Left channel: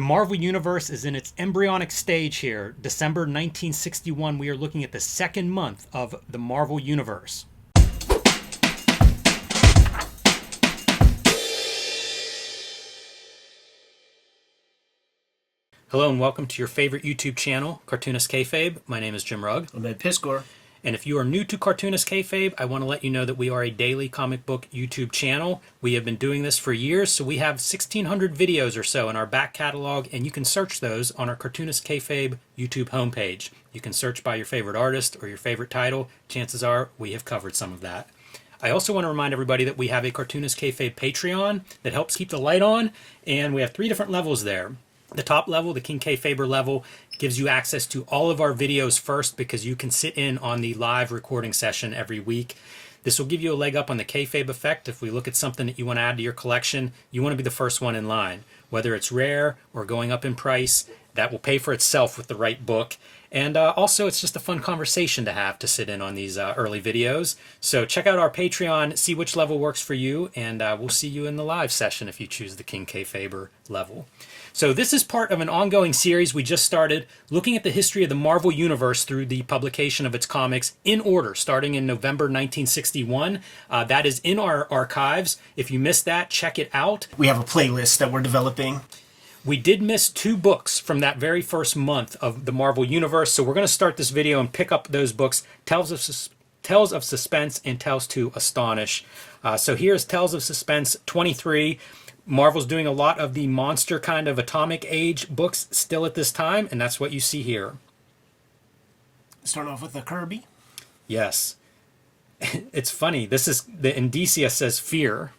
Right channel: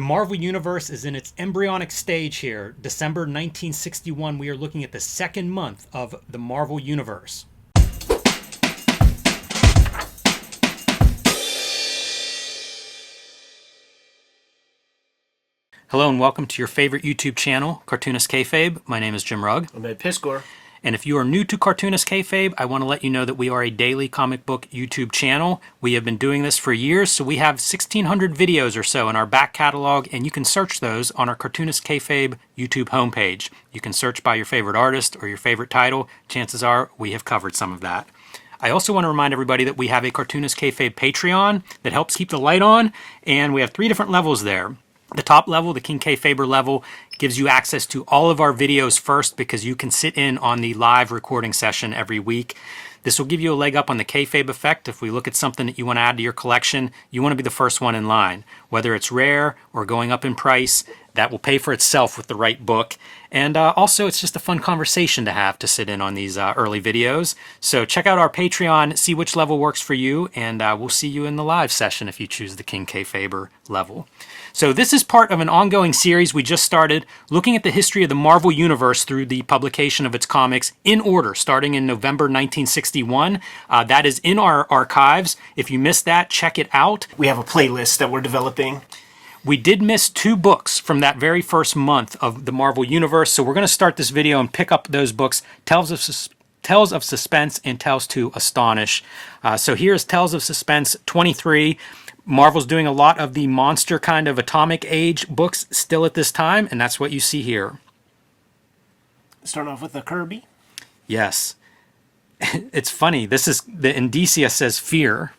The Marvel Universe is in its embryonic stage here. December 1961, we are looking at the second month of the Marvel Universe. Hello and welcome to your favorite YouTube channel, Cartoonist Kayfabe. My name is Jim Rugg. I'm Ed Piskor. And if you are new to Cartoonist Kayfabe, I want to let you know that we are a daily comic book YouTube channel. We have been doing this for years, so we have 1,600 videos or so in our back catalog, and you can search those on our Cartoonist Kayfabe YouTube homepage. You can search by your favorite artist or your favorite title. Chances are we have covered some of that. I also want to remind everybody that we have a Cartoonist Kayfabe Patreon that helps keep the light on, and we have 3 different levels there. The top level, the King Kayfaber level, gives you access to all of our videos first because you can sit in on the live recording session every week. This will give you a leg up on the Kayfabe effect. If we look at something that you want to add to your collection, you want to be the first one in line. Whether it's rare or going up in price, that will pay for itself with the right book. And also, it's just a fun conversation to have to sit in on these early videos. So check out our Patreon, see which level works for you, and we'll see you in the live session if you choose the King Kayfaber level. So this is part of an ongoing series we just started, looking at the history of the Marvel Universe through the publication of its comics in order, starting in November 1961. That is in our archives. If you missed that, check it out. We have a playlist that we're developing. We did miss 2 books from that very first month of the Marvel Universe, so we're going to start this video and pick up those books, Tales of Suspense and Tales to Astonish. So here's Tales of Suspense 23. Marvel's doing a lot of the monster kind of atomic age books still at this time, and that's what you see here. Starting off with the Kirby. Yes. It's funny. This is, the Indicia says Fear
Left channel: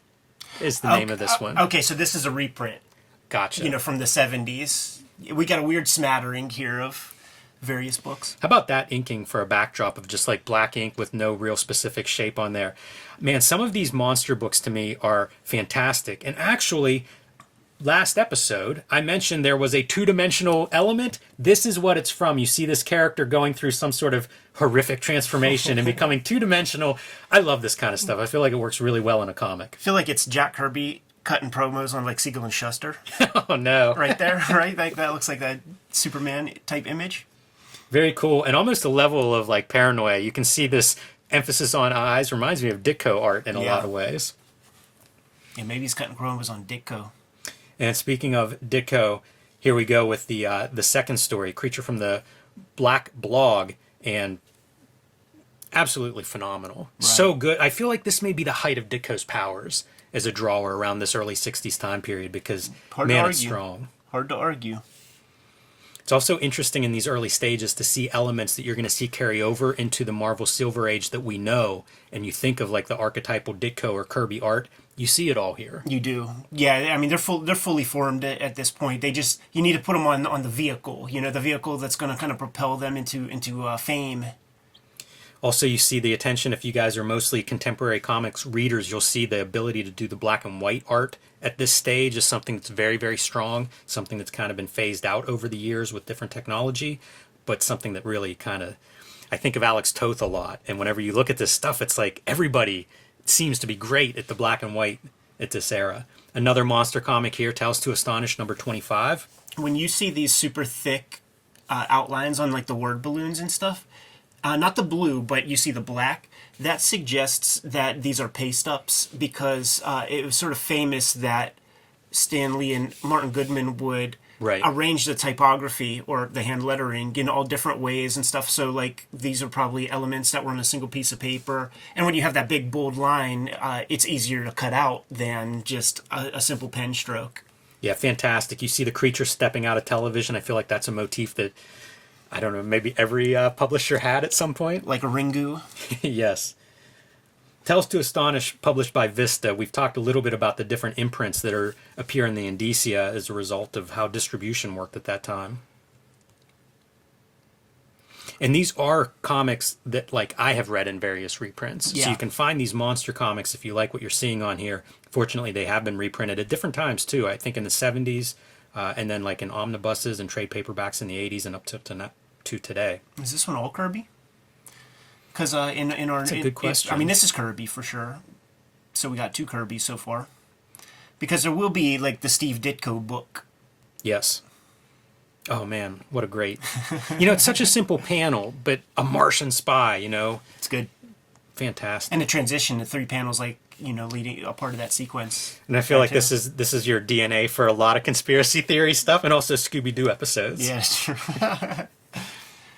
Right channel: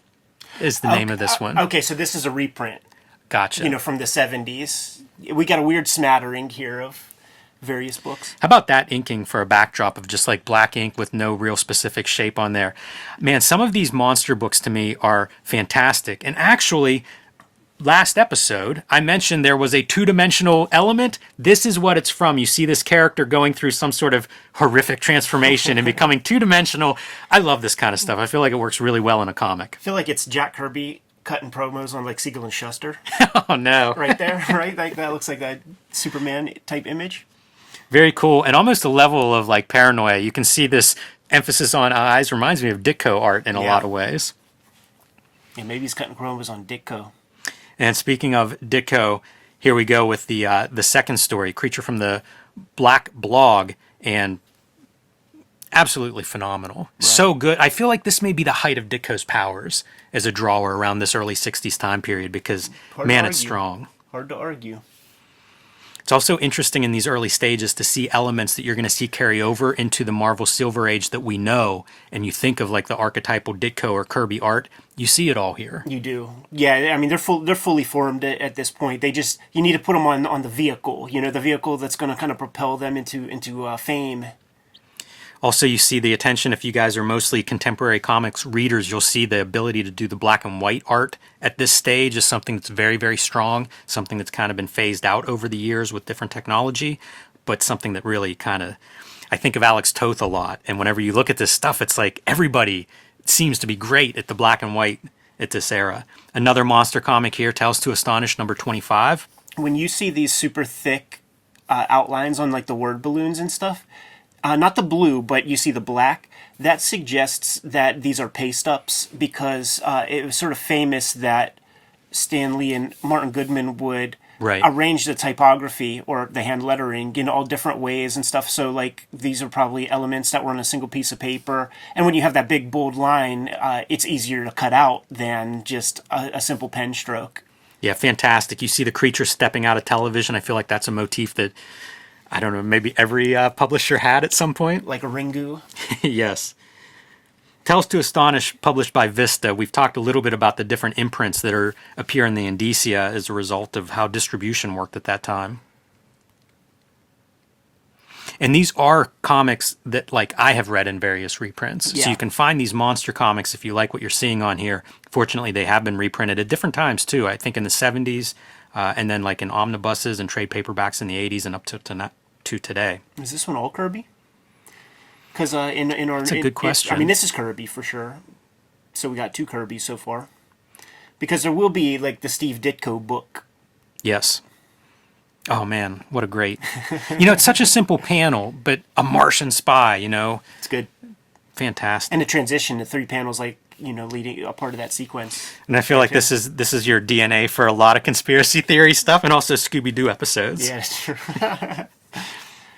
is the name of this one. Okay, so this is a reprint. Gotcha. You know, from the 70s. We got a weird smattering here of various books. How about that inking for a backdrop of just like black ink with no real specific shape on there? Man, some of these monster books to me are fantastic. And actually, last episode, I mentioned there was a 2-dimensional element. This is what it's from. You see this character going through some sort of horrific transformation and becoming 2-dimensional. I love this kind of stuff. I feel like it works really well in a comic. I feel like it's Jack Kirby cutting promos on like Siegel and Shuster. Oh, no. Right there, right? Like that looks like that Superman type image. Very cool, and almost a level of like paranoia. You can see this emphasis on eyes. Reminds me of Ditko art in a lot of ways. Yeah, maybe he's cutting promos on Ditko. And speaking of Ditko, here we go with the second story, Creature from the Black Blog, and absolutely phenomenal. Right. So good. I feel like this may be the height of Ditko's powers as a drawer around this early 60s time period because, man, it's strong. Hard to argue. It's also interesting in these early stages to see elements that you're going to see carry over into the Marvel Silver Age that we know, and you think of like the archetypal Ditko or Kirby art, you see it all here. You do. Yeah, I mean, they're fully formed at this point. You need to put them on the vehicle, you know, the vehicle that's going to kind of propel them into fame. Also, you see the attention, if you guys are mostly contemporary comics readers, you'll see the ability to do the black and white art at this stage is something that's very, very strong, something that's kind of been phased out over the years with different technology, but something that really kind of, I think of Alex Toth a lot, and whenever you look at this stuff, it's like everybody seems to be great at the black and white at this era. Another monster comic here, Tales to Astonish, number 25. When you see these super thick outlines on like the word balloons and stuff, not the blue, but you see the black, that suggests that these are paste-ups because it was sort of famous that Stan Lee and Martin Goodman would arrange the typography or the hand lettering in all different ways and stuff. So, like, these are probably elements that were on a single piece of paper. And when you have that big, bold line, it's easier to cut out than just a simple pen stroke. Yeah, fantastic. You see the creature stepping out of television. I feel like that's a motif that, I don't know, maybe every publisher had at some point. Like a Ringu? Yes. Tales to Astonish, published by Vista. We've talked a little bit about the different imprints that appear in the Indicia as a result of how distribution worked at that time. And these are comics that, like, I have read in various reprints. Yeah. So you can find these monster comics if you like what you're seeing on here. Fortunately, they have been reprinted at different times, too. I think in the 70s, and then, like, in omnibuses and trade paperbacks in the 80s and up to today. Is this one all Kirby? Because in our... That's a good question. I mean, this is Kirby for sure. So we got 2 Kirbys so far. Because there will be, like, the Steve Ditko book. Yes. Oh man, what a great. It's such a simple panel, but a Martian spy, It's good. fantastic. And the transition, the 3 panels, like, leading a part of that sequence. And I feel like too. this is your DNA for a lot of conspiracy theory stuff and also Scooby-Doo episodes. Yeah, it's true.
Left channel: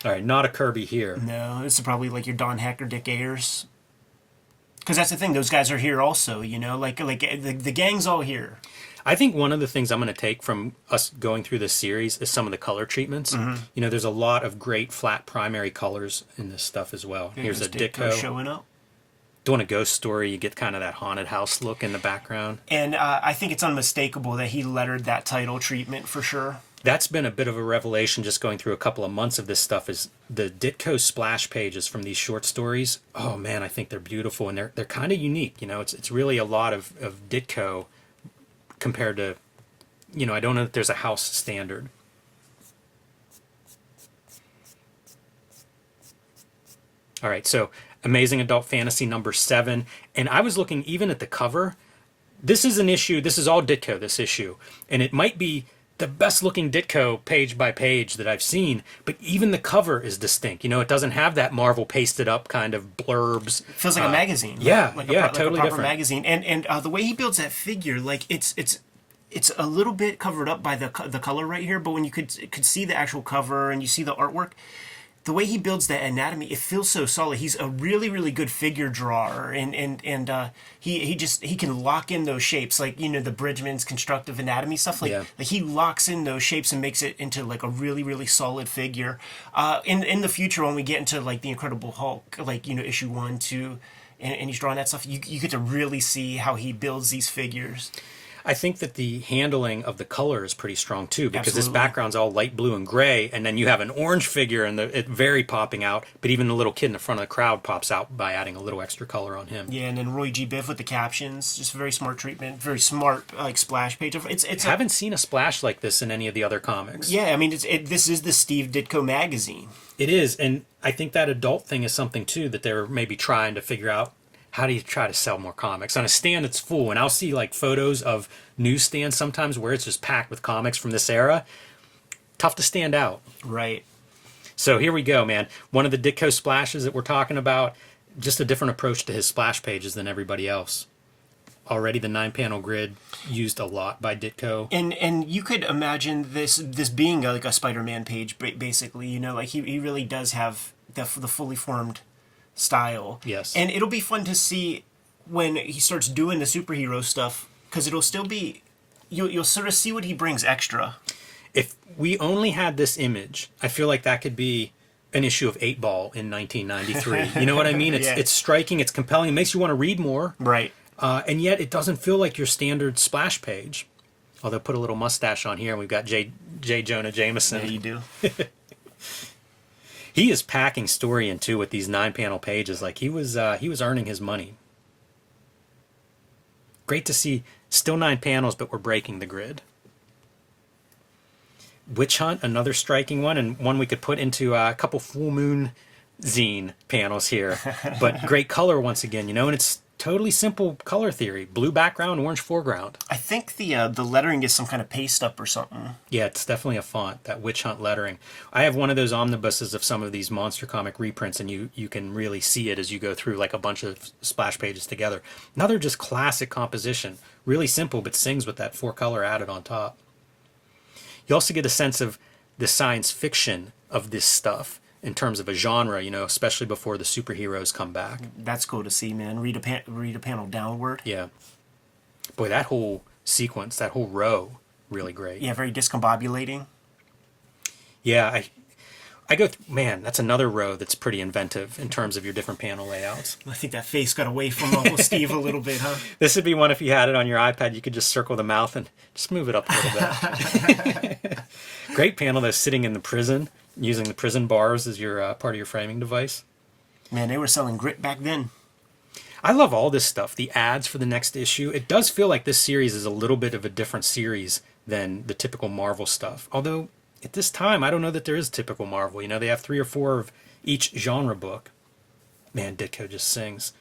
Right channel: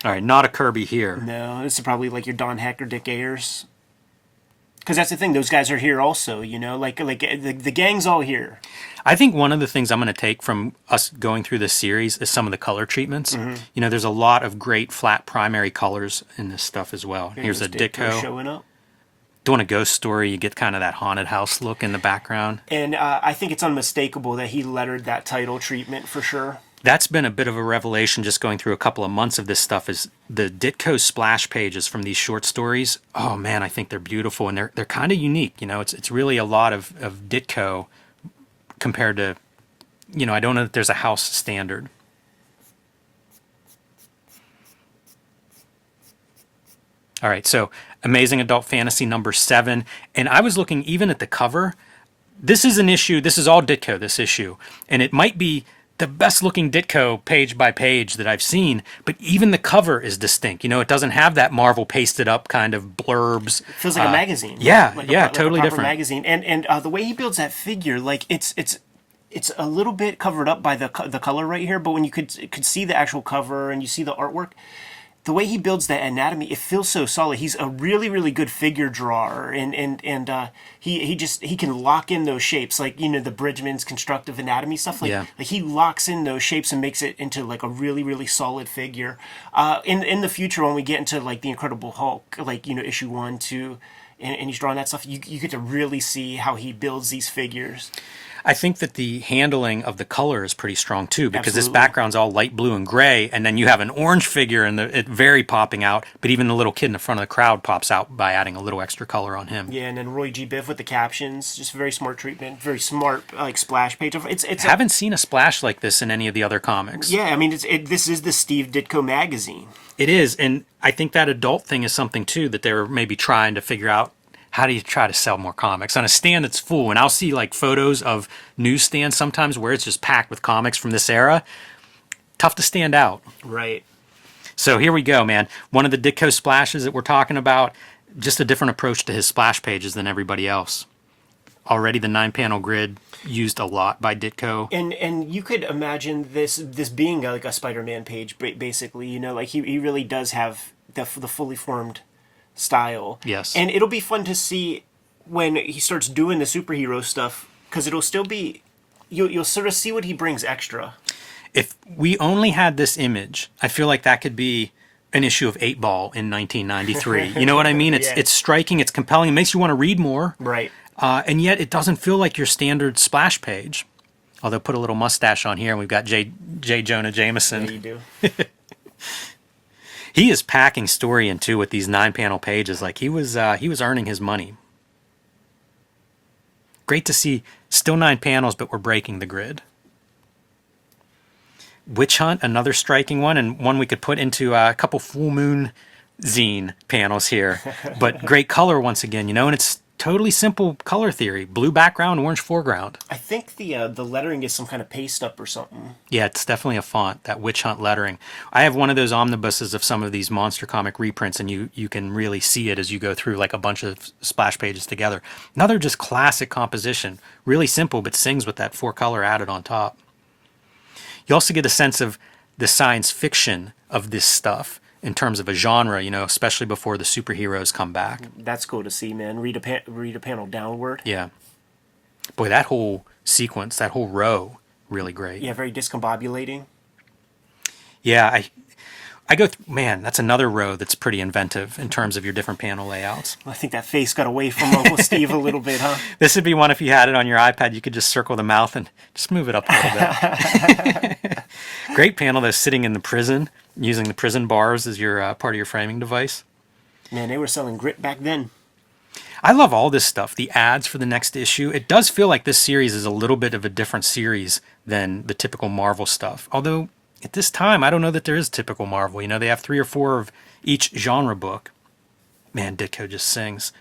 All right, not a Kirby here. No, this is probably like your Don Heck or Dick Ayers. Because that's the thing, those guys are here also, like the gang's all here. I think one of the things I'm going to take from us going through this series is some of the color treatments. There's a lot of great flat primary colors in this stuff as well. Here's a Ditko. Showing up. Doing a ghost story, you get kind of that haunted house look in the background. And I think it's unmistakable that he lettered that title treatment for sure. That's been a bit of a revelation just going through a couple of months of this stuff is the Ditko splash pages from these short stories. Oh man, I think they're beautiful and they're kind of unique. It's really a lot of Ditko compared to, I don't know if there's a house standard. All right, so Amazing Adult Fantasy number 7. And I was looking even at the cover. This is an issue, this is all Ditko, this issue. And it might be the best looking Ditko page by page that I've seen, but even the cover is distinct. It doesn't have that Marvel pasted up kind of blurbs. It feels like a magazine. Yeah, like yeah, a totally proper different. magazine. And the way he builds that figure, like it's a little bit covered up by the color right here, but when you could see the actual cover and you see the artwork, the way he builds that anatomy, it feels so solid. He's a really, really good figure drawer, and he can lock in those shapes, like the Bridgman's constructive anatomy stuff. Like he locks in those shapes and makes it into like a really, really solid figure. In the future, when we get into like the Incredible Hulk, like issue 1, 2, and he's drawing that stuff, you get to really see how he builds these figures. I think that the handling of the color is pretty strong too, because Absolutely. this background's all light blue and gray, and then you have an orange figure and it very popping out, but even the little kid in the front of the crowd pops out by adding a little extra color on him. Yeah, and then Roy G. Biv with the captions, just very smart treatment, very smart like splash page. It's I haven't seen a splash like this in any of the other comics. Yeah, I mean this is the Steve Ditko magazine. It is, and I think that adult thing is something too that they were maybe trying to figure out. How do you try to sell more comics on a stand that's full? And I'll see like photos of newsstands sometimes where it's just packed with comics from this era. Tough to stand out. Right. So here we go, man. One of the Ditko splashes that we're talking about, just a different approach to his splash pages than everybody else. Already the 9-panel grid used a lot by Ditko. And you could imagine this being like a Spider-Man page, basically. Like he really does have the fully formed style. Yes. And it'll be fun to see when he starts doing the superhero stuff, because it'll still be, you'll sort of see what he brings extra. If we only had this image, I feel like that could be an issue of 8 Ball in 1993. You know what I mean? It's striking, it's compelling, it makes you want to read more. Right. And yet it doesn't feel like your standard splash page. Although put a little mustache on here, and we've got J. Jonah Jameson. Yeah, you do. He is packing story in too with these 9-panel pages. Like he was earning his money. Great to see. Still 9 panels, but we're breaking the grid. Witch Hunt, another striking one, and one we could put into a couple Full Moon zine panels here. But great color once again, and it's totally simple color theory. Blue background, orange foreground. I think the lettering is some kind of paste up or something. Yeah, it's definitely a font, that Witch Hunt lettering. I have one of those omnibuses of some of these Monster Comic reprints, and you can really see it as you go through like a bunch of splash pages together. Another just classic composition. Really simple, but sings with that 4-color added on top. You also get a sense of the science fiction of this stuff in terms of a genre, especially before the superheroes come back. That's cool to see, man. Read a panel downward. Yeah. Boy, that whole sequence, that whole row, really great. Yeah, very discombobulating. Yeah, I go, man, that's another row that's pretty inventive in terms of your different panel layouts. I think that face got away from Uncle Steve a little bit, huh? This would be one if you had it on your iPad, you could just circle the mouth and just move it up a little bit. Great panel though, sitting in the prison, using the prison bars as your part of your framing device. Man, they were selling grit back then. I love all this stuff, the ads for the next issue. It does feel like this series is a little bit of a different series than the typical Marvel stuff. Although, at this time, I don't know that there is typical Marvel. They have 3 or 4 of each genre book. Man, Ditko just sings.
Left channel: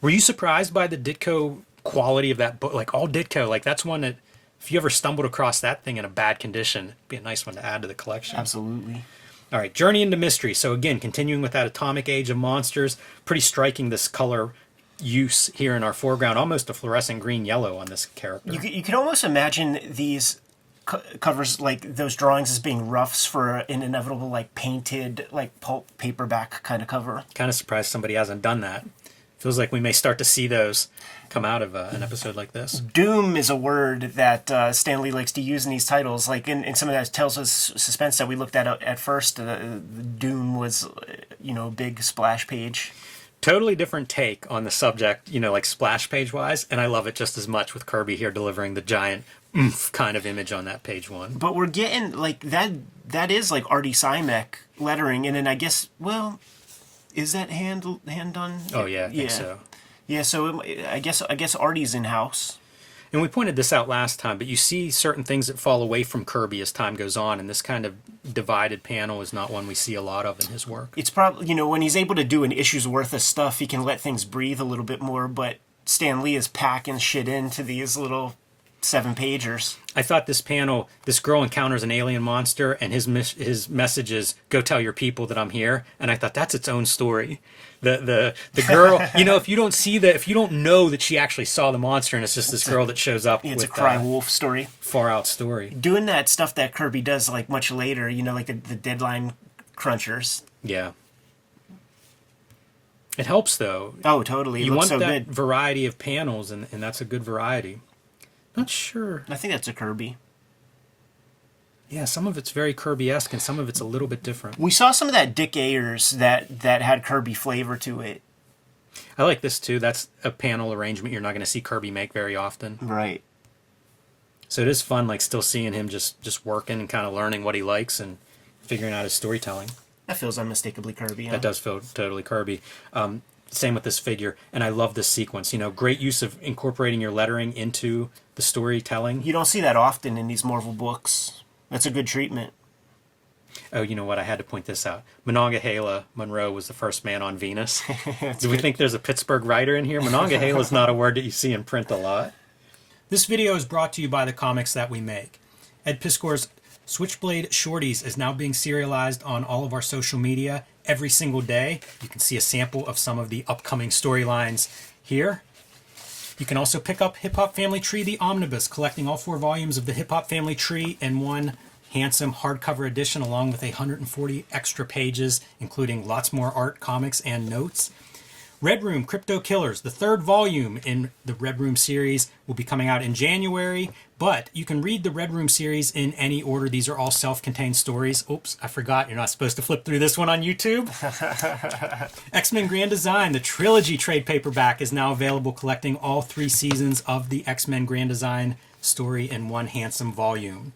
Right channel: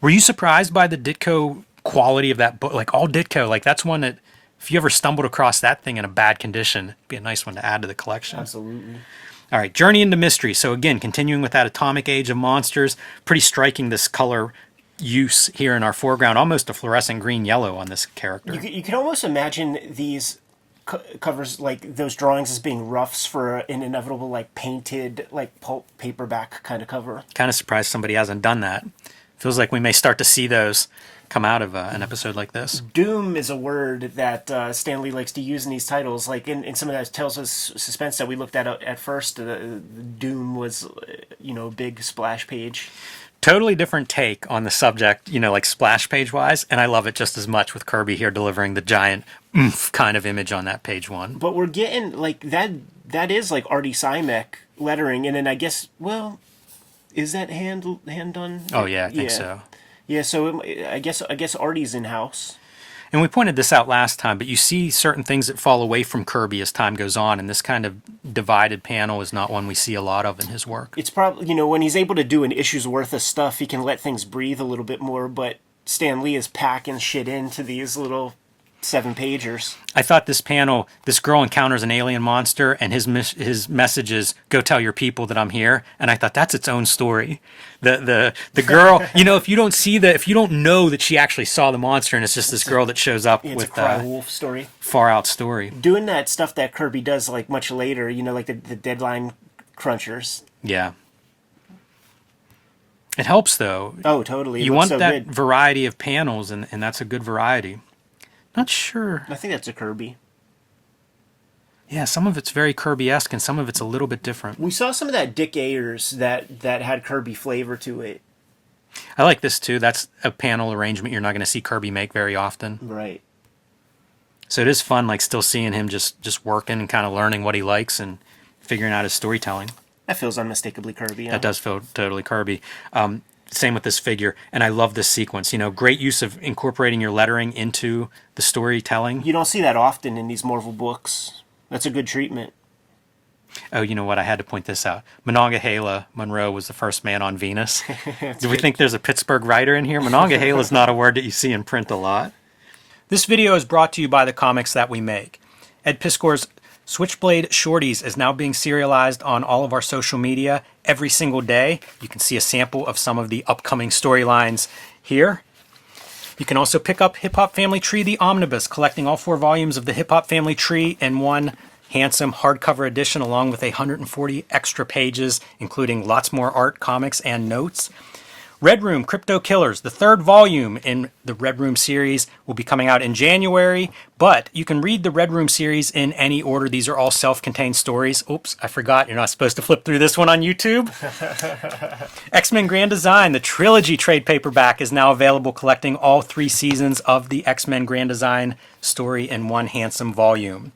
Were you surprised by the Ditko quality of that book? Like, all Ditko, like, that's one that If you ever stumbled across that thing in a bad condition, it'd be a nice one to add to the collection. Absolutely. All right, Journey into Mystery. So again, continuing with that atomic age of monsters, pretty striking this color use here in our foreground, almost a fluorescent green-yellow on this character. You can almost imagine these covers, like those drawings, as being roughs for an inevitable, like, painted, like, pulp paperback kind of cover. Kind of surprised somebody hasn't done that. Feels like we may start to see those come out of an episode like this. Doom is a word that Stan Lee likes to use in these titles. Like in some of those Tales of Suspense that we looked at first, the Doom was, a big splash page. Totally different take on the subject, like splash page wise, and I love it just as much with Kirby here delivering the giant oomph kind of image on that page one. But we're getting like that is like Artie Simek lettering, and then I guess, well, is that hand done? Oh yeah, I think so. Yeah, so I guess Artie's in house. And we pointed this out last time, but you see certain things that fall away from Kirby as time goes on, and this kind of divided panel is not one we see a lot of in his work. It's probably, when he's able to do an issue's worth of stuff, he can let things breathe a little bit more, but Stan Lee is packing shit into these little 7-pagers. I thought this panel, this girl encounters an alien monster, and his message is, go tell your people that I'm here, and I thought that's its own story. The girl, if you don't know that she actually saw the monster, and it's just this girl that shows up. It's a cry wolf story. Far out story. Doing that stuff that Kirby does like much later, like the deadline crunchers. Yeah. It helps though. Oh, totally. It looks so good. You want that variety of panels, and that's a good variety. Not sure. I think that's a Kirby. Yeah, some of it's very Kirby-esque, and some of it's a little bit different. We saw some of that Dick Ayers that had Kirby flavor to it. I like this, too. That's a panel arrangement you're not going to see Kirby make very often. Right. So it is fun, like, still seeing him just working and kind of learning what he likes and figuring out his storytelling. That feels unmistakably Kirby. Huh? That does feel totally Kirby. Same with this figure, and I love this sequence. Great use of incorporating your lettering into the storytelling. You don't see that often in these Marvel books. That's a good treatment. Oh, you know what? I had to point this out. Monongahela Monroe was the first man on Venus. Do we think there's a Pittsburgh writer in here? Monongahela is not a word that you see in print a lot. This video is brought to you by the comics that we make. Ed Piskor's Switchblade Shorties is now being serialized on all of our social media every single day. You can see a sample of some of the upcoming storylines here. You can also pick up Hip Hop Family Tree, the Omnibus, collecting all 4 volumes of the Hip Hop Family Tree in one handsome hardcover edition, along with 140 extra pages, including lots more art, comics, and notes. Red Room Crypto Killers, the 3rd volume in the Red Room series, will be coming out in January, but you can read the Red Room series in any order. These are all self-contained stories. Oops, I forgot. You're not supposed to flip through this one on YouTube. X-Men Grand Design, the trilogy trade paperback, is now available, collecting all 3 seasons of the X-Men Grand Design story in one handsome volume.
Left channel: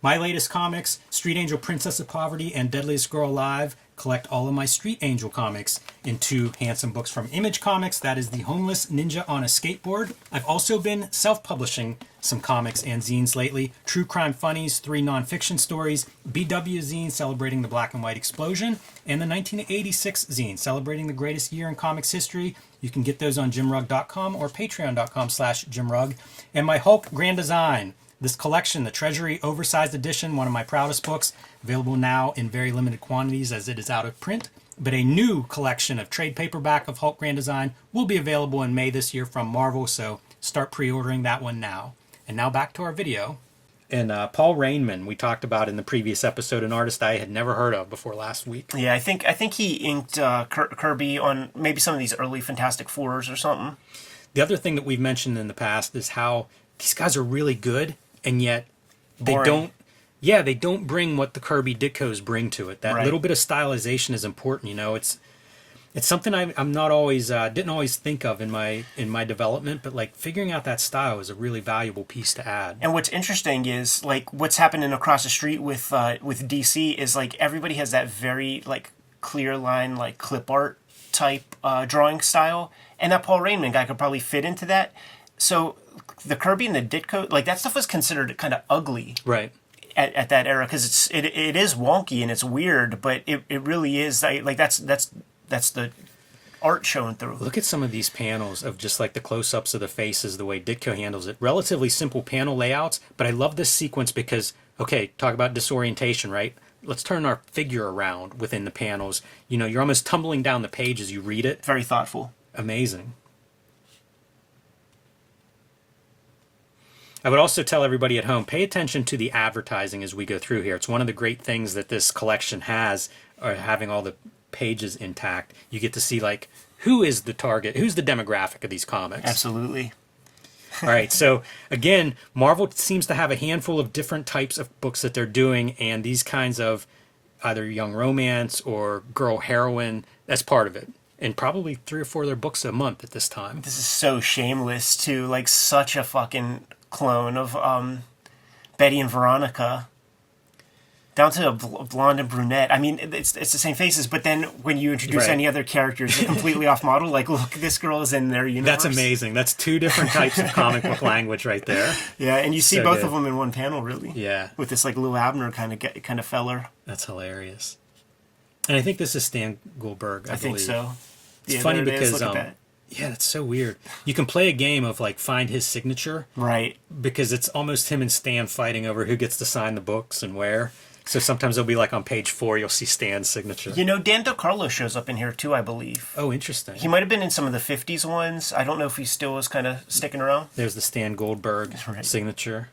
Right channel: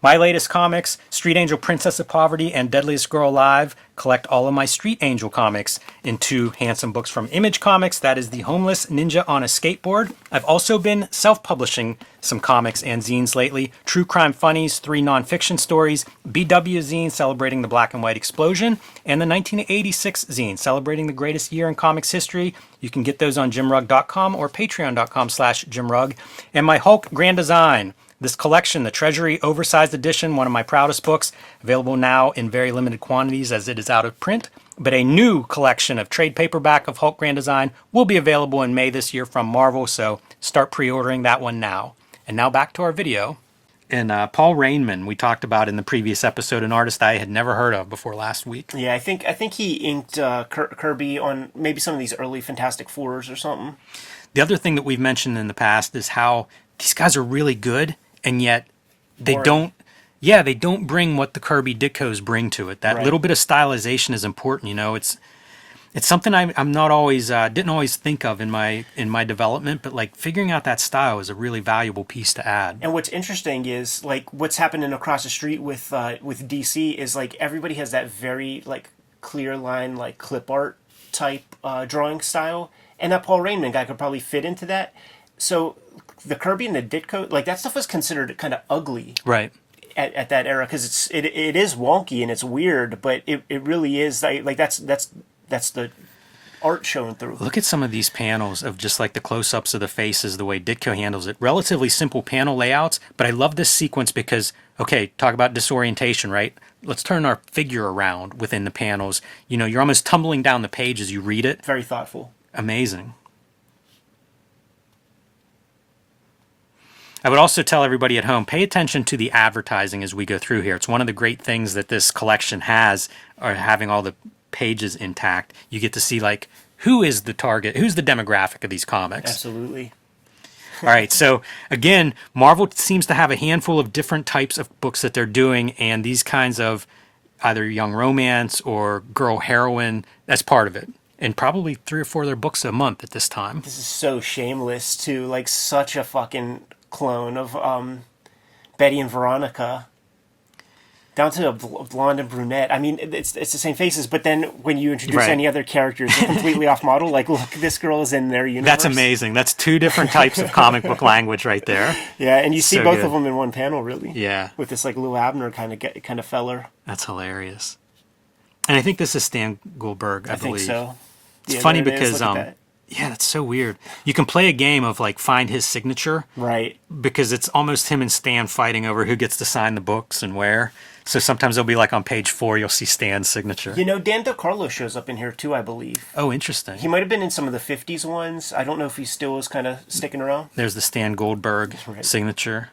My latest comics, Street Angel Princess of Poverty and Deadliest Girl Alive, collect all of my Street Angel comics in 2 handsome books from Image Comics. That is The Homeless Ninja on a Skateboard. I've also been self-publishing some comics and zines lately. True Crime Funnies, 3 nonfiction stories, BW zine celebrating the black and white explosion, and the 1986 zine celebrating the greatest year in comics history. You can get those on jimrugg.com or patreon.com/jimrugg. And my Hulk Grand Design. This collection, the Treasury Oversized Edition, one of my proudest books, available now in very limited quantities as it is out of print. But a new collection of trade paperback of Hulk Grand Design will be available in May this year from Marvel, so start pre-ordering that one now. And now back to our video. And Paul Rainman, we talked about in the previous episode, an artist I had never heard of before last week. Yeah, I think he inked Kirby on maybe some of these early Fantastic Fours or something. The other thing that we've mentioned in the past is how these guys are really good, and yet they don't bring what the Kirby Ditkos bring to it. That little bit of stylization is important. It's something I'm not always didn't always think of in my development, but like figuring out that style is a really valuable piece to add. And what's interesting is like what's happening across the street with DC is like everybody has that very like clear line like clip art type drawing style, and that Paul Rainman guy could probably fit into that. So the Kirby and the Ditko, like that stuff was considered kind of ugly, right, at that era, because it is wonky and it's weird, but it really is like that's the art showing through. Look at some of these panels of just like the close-ups of the faces, the way Ditko handles it. Relatively simple panel layouts, but I love this sequence because, okay, talk about disorientation, right? Let's turn our figure around within the panels. You know, you're almost tumbling down the page as you read it. Very thoughtful. Amazing. I would also tell everybody at home, pay attention to the advertising as we go through here. It's one of the great things that this collection has, or having all the pages intact. You get to see, like, who is the target, who's the demographic of these comics. Absolutely. All right, so again, Marvel seems to have a handful of different types of books that they're doing, and these kinds of either young romance or girl heroine, that's part of it. And probably 3 or 4 of their books a month at this time. This is so shameless, too. Like, such a fucking clone of Betty and Veronica. Down to a blonde and brunette. I mean, it's the same faces, but then when you introduce any other characters, they're completely off model. Like, look, this girl is in their universe. That's amazing. That's 2 different types of comic book language right there. Yeah, and you see So both good. of them in one panel, really. Yeah. With this, like, Lou Abner kind of feller. That's hilarious. And I think this is Stan Goldberg, I think believe. so. It's Yeah, funny there it is. because, Look at that. yeah, that's so weird. You can play a game of, like, find his signature. Right. Because it's almost him and Stan fighting over who gets to sign the books and where. So sometimes they'll be like on page 4, you'll see Stan's signature. You know, Dan DeCarlo shows up in here too, I believe. Oh, interesting. He might have been in some of the 50s ones. I don't know if he still is kind of sticking around. There's the Stan Goldberg Right. signature.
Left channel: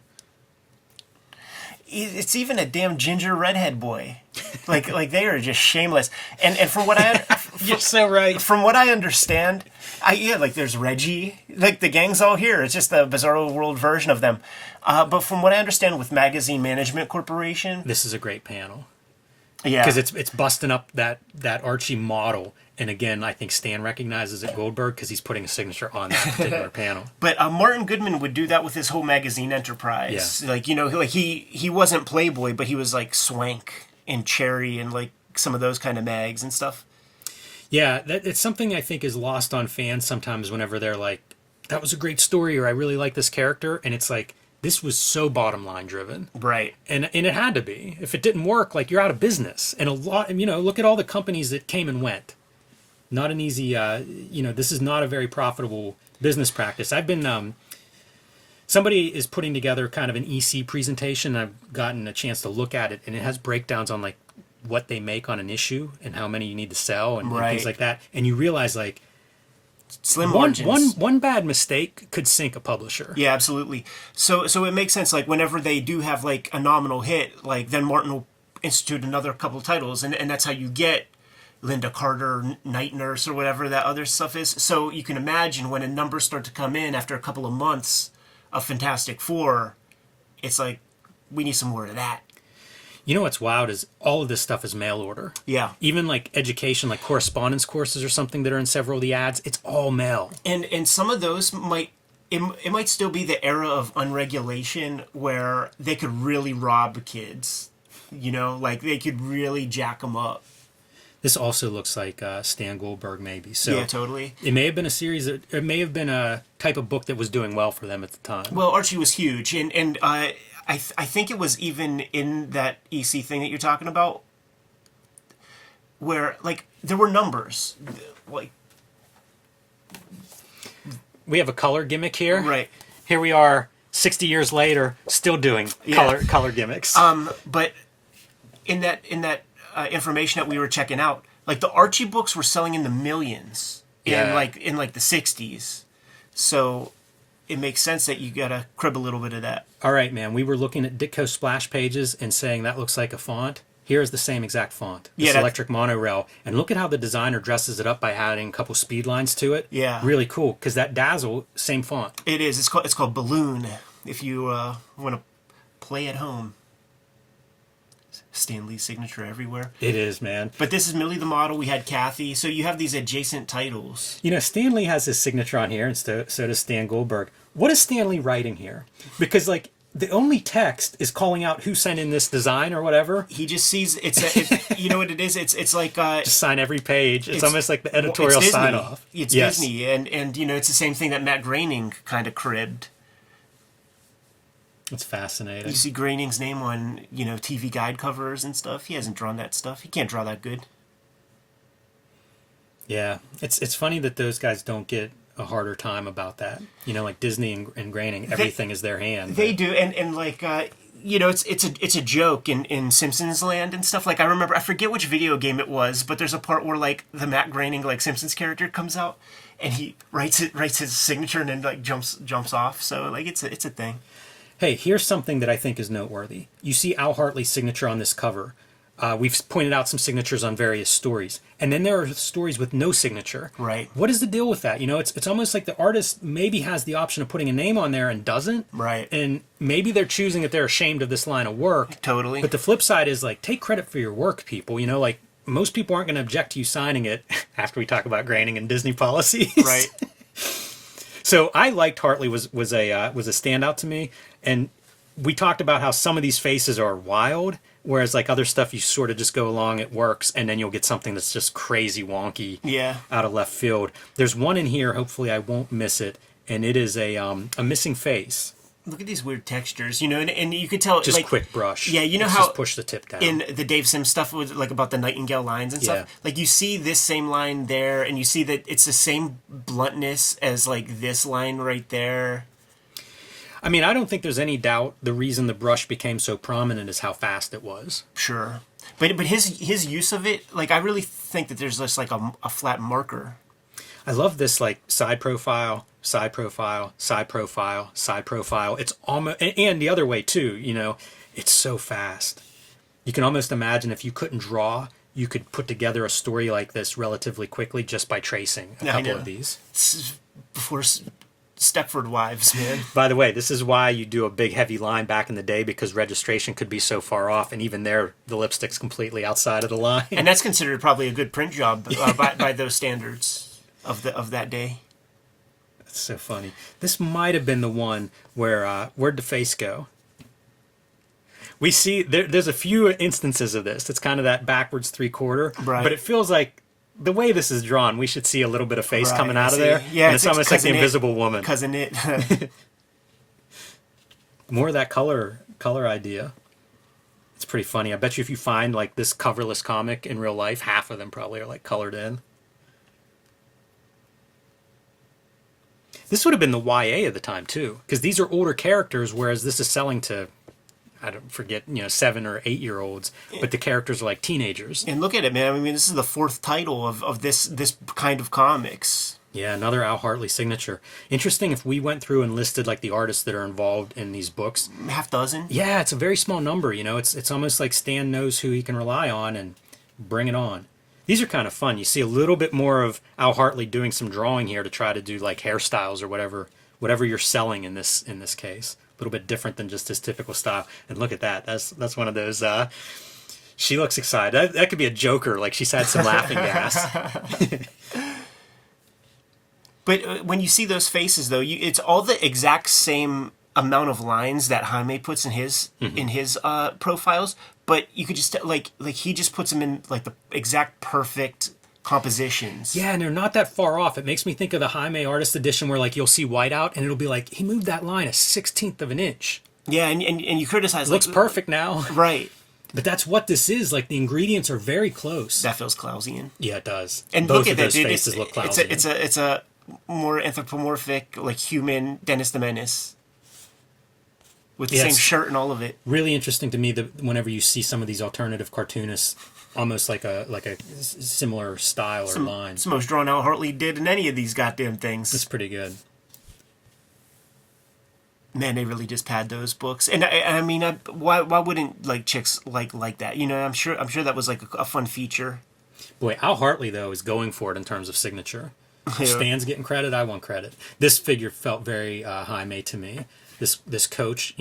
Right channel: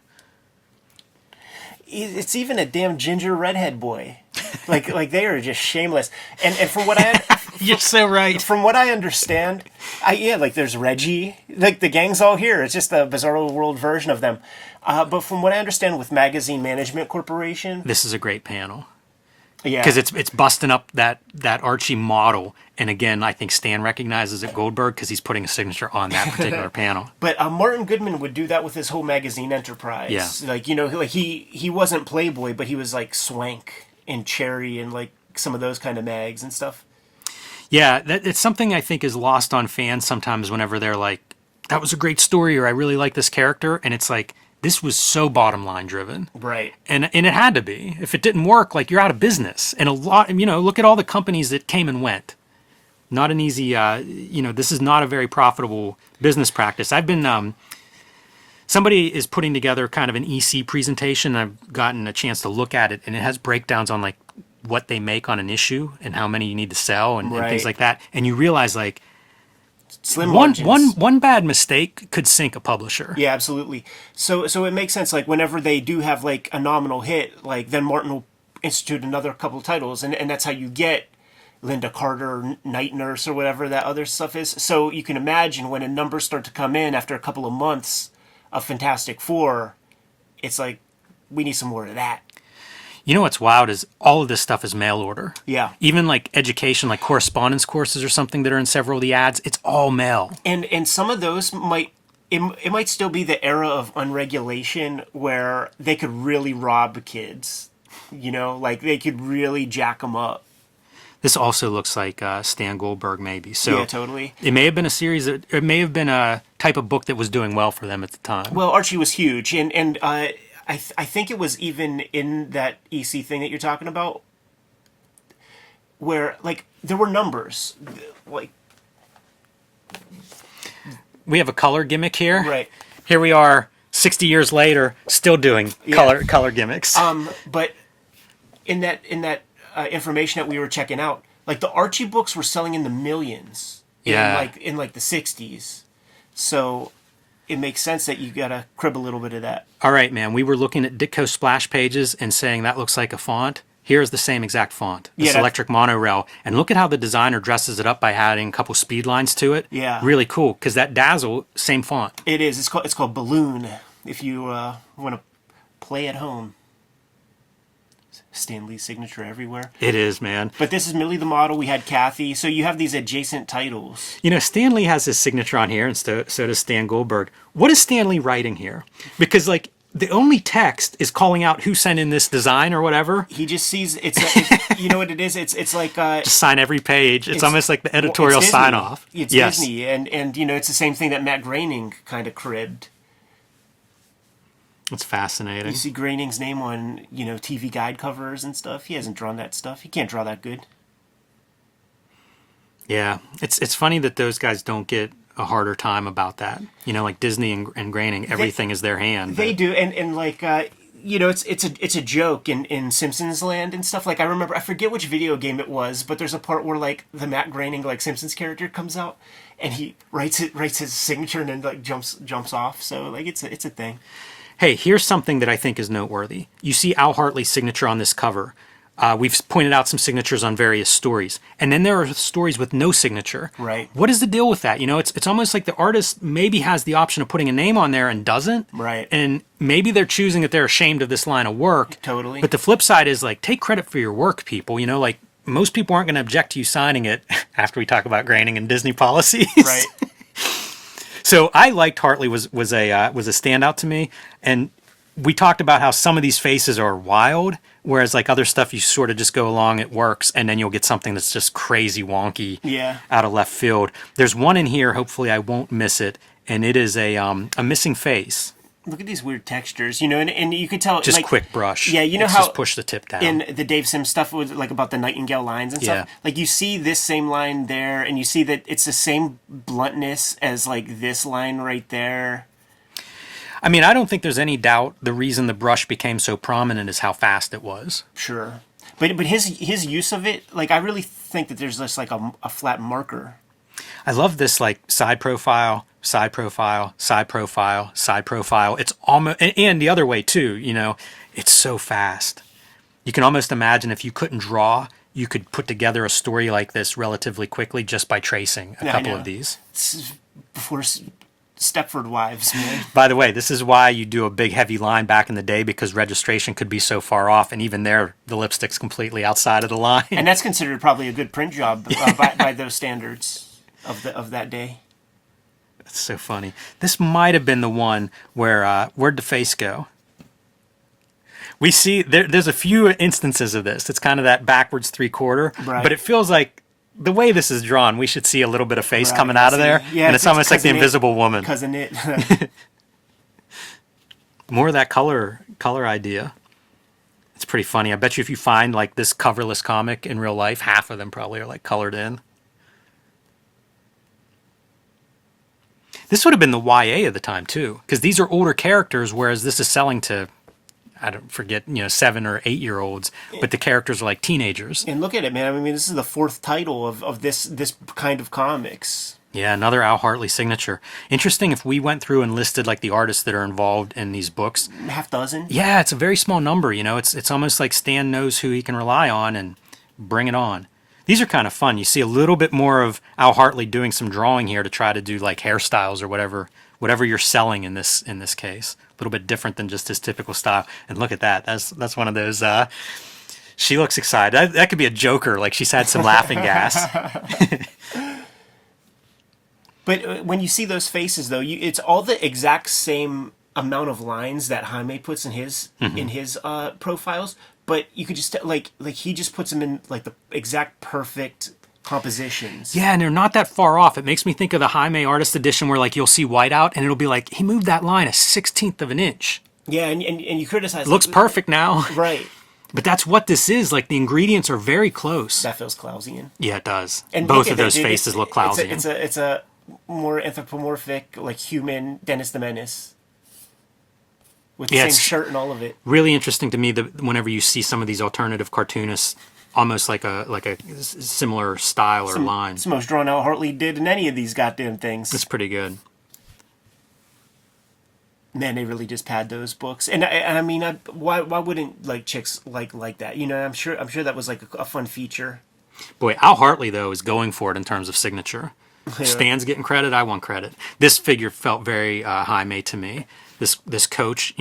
It's even a damn ginger redhead boy. Like they are just shameless. And from what I You're so right. from what I understand, like there's Reggie, like the gang's all here. It's just a Bizarro World version of them. But from what I understand with Magazine Management Corporation, This is a great panel. yeah, Because it's busting up that Archie model. And again, I think Stan recognizes it Goldberg because he's putting a signature on that particular panel. But Martin Goodman would do that with his whole magazine enterprise. Yeah. Like, you know, like he wasn't Playboy, but he was like Swank and Cherry and like some of those kind of mags and stuff. Yeah, it's something I think is lost on fans sometimes whenever they're like, that was a great story, or I really like this character. And it's like, this was so bottom line driven. Right. And it had to be. If it didn't work, like, you're out of business. And a lot, you know, look at all the companies that came and went. Not an easy, you know, this is not a very profitable business practice. I've been, somebody is putting together kind of an EC presentation. I've gotten a chance to look at it, and it has breakdowns on, like, what they make on an issue and how many you need to sell and things like that. And you realize, like, Slim margins. one bad mistake could sink a publisher. Yeah, absolutely. So it makes sense. Like whenever they do have like a nominal hit, like then Martin will institute another couple of titles, and that's how you get Linda Carter, Night Nurse, or whatever that other stuff is. So you can imagine when a numbers start to come in after a couple of months of Fantastic Four, it's like we need some more of that. You know what's wild is all of this stuff is mail order. Yeah. Even like education, like correspondence courses or something that are in several of the ads, it's all mail. And some of those it might still be the era of unregulation where they could really rob kids. You know, like they could really jack them up. This also looks like Stan Goldberg, maybe. So Yeah, totally. it may have been a series. It may have been a type of book that was doing well for them at the time. Well, Archie was huge, and I think it was even in that EC thing that you're talking about, where like there were numbers, like We have a color gimmick here. right. Here we are, 60 years later, still doing color gimmicks. But in that information that we were checking out, like the Archie books were selling in the millions in the 60s, so it makes sense that you gotta crib a little bit of that. All right, man. We were looking at Ditko splash pages and saying that looks like a font. Here's the same exact font. This electric monorail. And look at how the designer dresses it up by adding a couple speed lines to it. Yeah. Really cool, because that Dazzle, same font. It is. It's called Balloon. If you want to play at home. Stan Lee's signature everywhere. It is, man. But this is Millie the model. We had Kathy. So you have these adjacent titles. You know, Stan Lee has his signature on here, and so does Stan Goldberg. What is Stan Lee writing here? Because, like, the only text is calling out who sent in this design or whatever. He just sees you know what it is? It's like Just sign every page. It's almost like the editorial it's Disney. sign-off. It's Yes. Disney, and you know it's the same thing that Matt Groening kind of cribbed. It's fascinating. You see Groening's name on TV guide covers and stuff. He hasn't drawn that stuff. He can't draw that good. Yeah, it's funny that those guys don't get a harder time about that. You know, like Disney and Groening, everything is their hand. They do, and like you know, it's a joke in Simpsons land and stuff. Like I remember, I forget which video game it was, but there's a part where like the Matt Groening like Simpsons character comes out, and he writes his signature and then like jumps off. So like it's a thing. Hey, here's something that I think is noteworthy. You see Al Hartley's signature on this cover. We've pointed out some signatures on various stories. And then there are stories with no signature. Right. What is the deal with that? You know, it's almost like the artist maybe has the option of putting a name on there and doesn't. Right. And maybe they're choosing that they're ashamed of this line of work. Totally. But the flip side is, like, take credit for your work, people. You know, like, most people aren't going to object to you signing it after we talk about Groening and Disney policies. Right. So I liked Hartley was a standout to me. And we talked about how some of these faces are wild. Whereas like other stuff, you sort of just go along, it works, and then you'll get something that's just crazy wonky, out of left field. There's one in here, hopefully I won't miss it, and it is a missing face. Look at these weird textures, you know, and you could tell Just like quick brush. Yeah, you know Let's how just push the tip down. in the Dave Sims stuff with like about the Nightingale lines and stuff. Yeah. Like you see this same line there, and you see that it's the same bluntness as like this line right there. I mean, I don't think there's any doubt the reason the brush became so prominent is how fast it was. Sure, but his use of it, like I really think that there's just like a flat marker. I love this like side profile, side profile, side profile, side profile. It's almost, and the other way too, you know, it's so fast. You can almost imagine if you couldn't draw, you could put together a story like this relatively quickly just by tracing a couple of these. It's before Stepford Wives, man. By the way, this is why you do a big heavy line back in the day, because registration could be so far off, and even there, the lipstick's completely outside of the line. And that's considered probably a good print job by those standards of that day. That's so funny. This might have been the one where where'd the face go? We see there's a few instances of this. It's kind of that backwards 3/4, right? But it feels like the way this is drawn, we should see a little bit of face coming out of there. Yeah, and it's almost like the Invisible Woman. Cousin it. More of that color idea. It's pretty funny. I bet you if you find like this coverless comic in real life, half of them probably are like colored in. This would have been the YA of the time too, because these are older characters, whereas this is selling to, I don't forget, 7 or 8 year olds, but the characters are like teenagers. And look at it, man. I mean, this is the 4th title of this kind of comics. Yeah, another Al Hartley signature. Interesting if we went through and listed like the artists that are involved in these books. Half dozen? Yeah, it's a very small number, It's almost like Stan knows who he can rely on and bring it on. These are kind of fun. You see a little bit more of Al Hartley doing some drawing here to try to do like hairstyles or whatever you're selling in this case. A little bit different than just his typical style. And look at that. That's one of those. She looks excited. That could be a Joker. Like she's had some laughing gas. But when you see those faces, though, it's all the exact same amount of lines that Jaime puts in his profiles. But you could just like he just puts them in like the exact perfect compositions. Yeah, and they're not that far off. It makes me think of the Jaime Artist Edition where like you'll see whiteout and it'll be like he moved that line a 1/16 of an inch. Yeah, and you criticize it looks perfect now. Right. But that's what this is. Like the ingredients are very close. That feels Klausian. Yeah, it does. And both look at of those that, dude. faces look Klausian. It's a more anthropomorphic, like human Dennis the Menace. With the same shirt and all of it. Really interesting to me that whenever you see some of these alternative cartoonists, almost like a similar style or line. It's the most drawn out Hartley did in any of these goddamn things. It's pretty good. Man, they really just pad those books, and I mean, why wouldn't like chicks like that? I'm sure that was like a fun feature. Boy, Al Hartley though is going for it in terms of signature. Yeah. Stan's getting credit. I want credit. This figure felt very Jaime to me. This coach,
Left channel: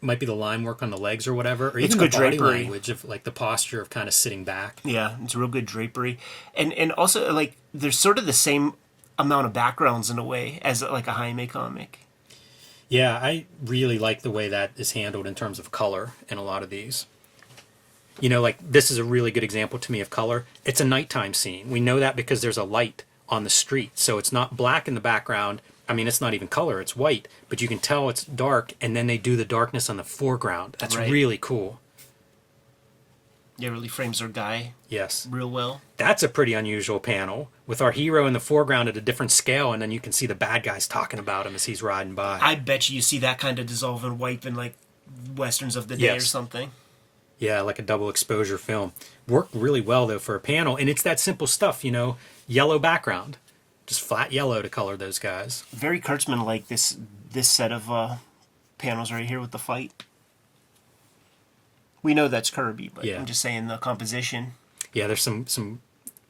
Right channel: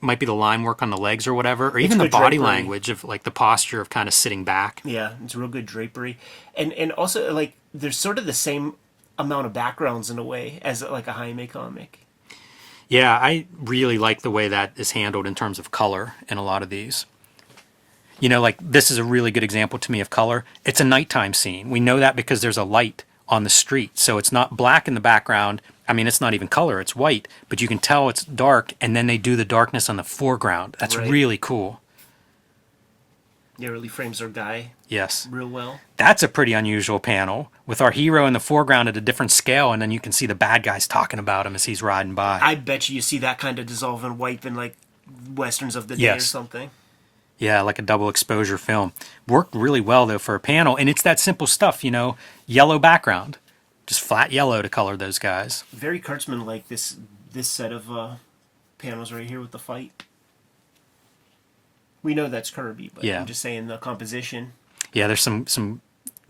might be the line work on the legs or whatever, or even the body drapery. Language of like the posture of kind of sitting back. Yeah, it's real good drapery, and also like there's sort of the same amount of backgrounds in a way as like a Jaime comic. Yeah, I really like the way that is handled in terms of color in a lot of these. Like this is a really good example to me of color. It's a nighttime scene. We know that because there's a light on the street, so it's not black in the background. I mean, it's not even color, it's white, but you can tell it's dark, and then they do the darkness on the foreground. That's right. Really cool. Yeah, really frames our guy Yes. real well. That's a pretty unusual panel with our hero in the foreground at a different scale, and then you can see the bad guys talking about him as he's riding by. I bet you see that kind of dissolve and wipe in like westerns of the day or Yes. something. Yeah, like a double exposure film. Worked really well, though, for a panel, and it's that simple stuff, yellow background. Just flat yellow to color those guys. Very Kurtzman like this set of panels right here with the fight. We know that's Kirby, but Yeah. I'm just saying the composition. Yeah, there's some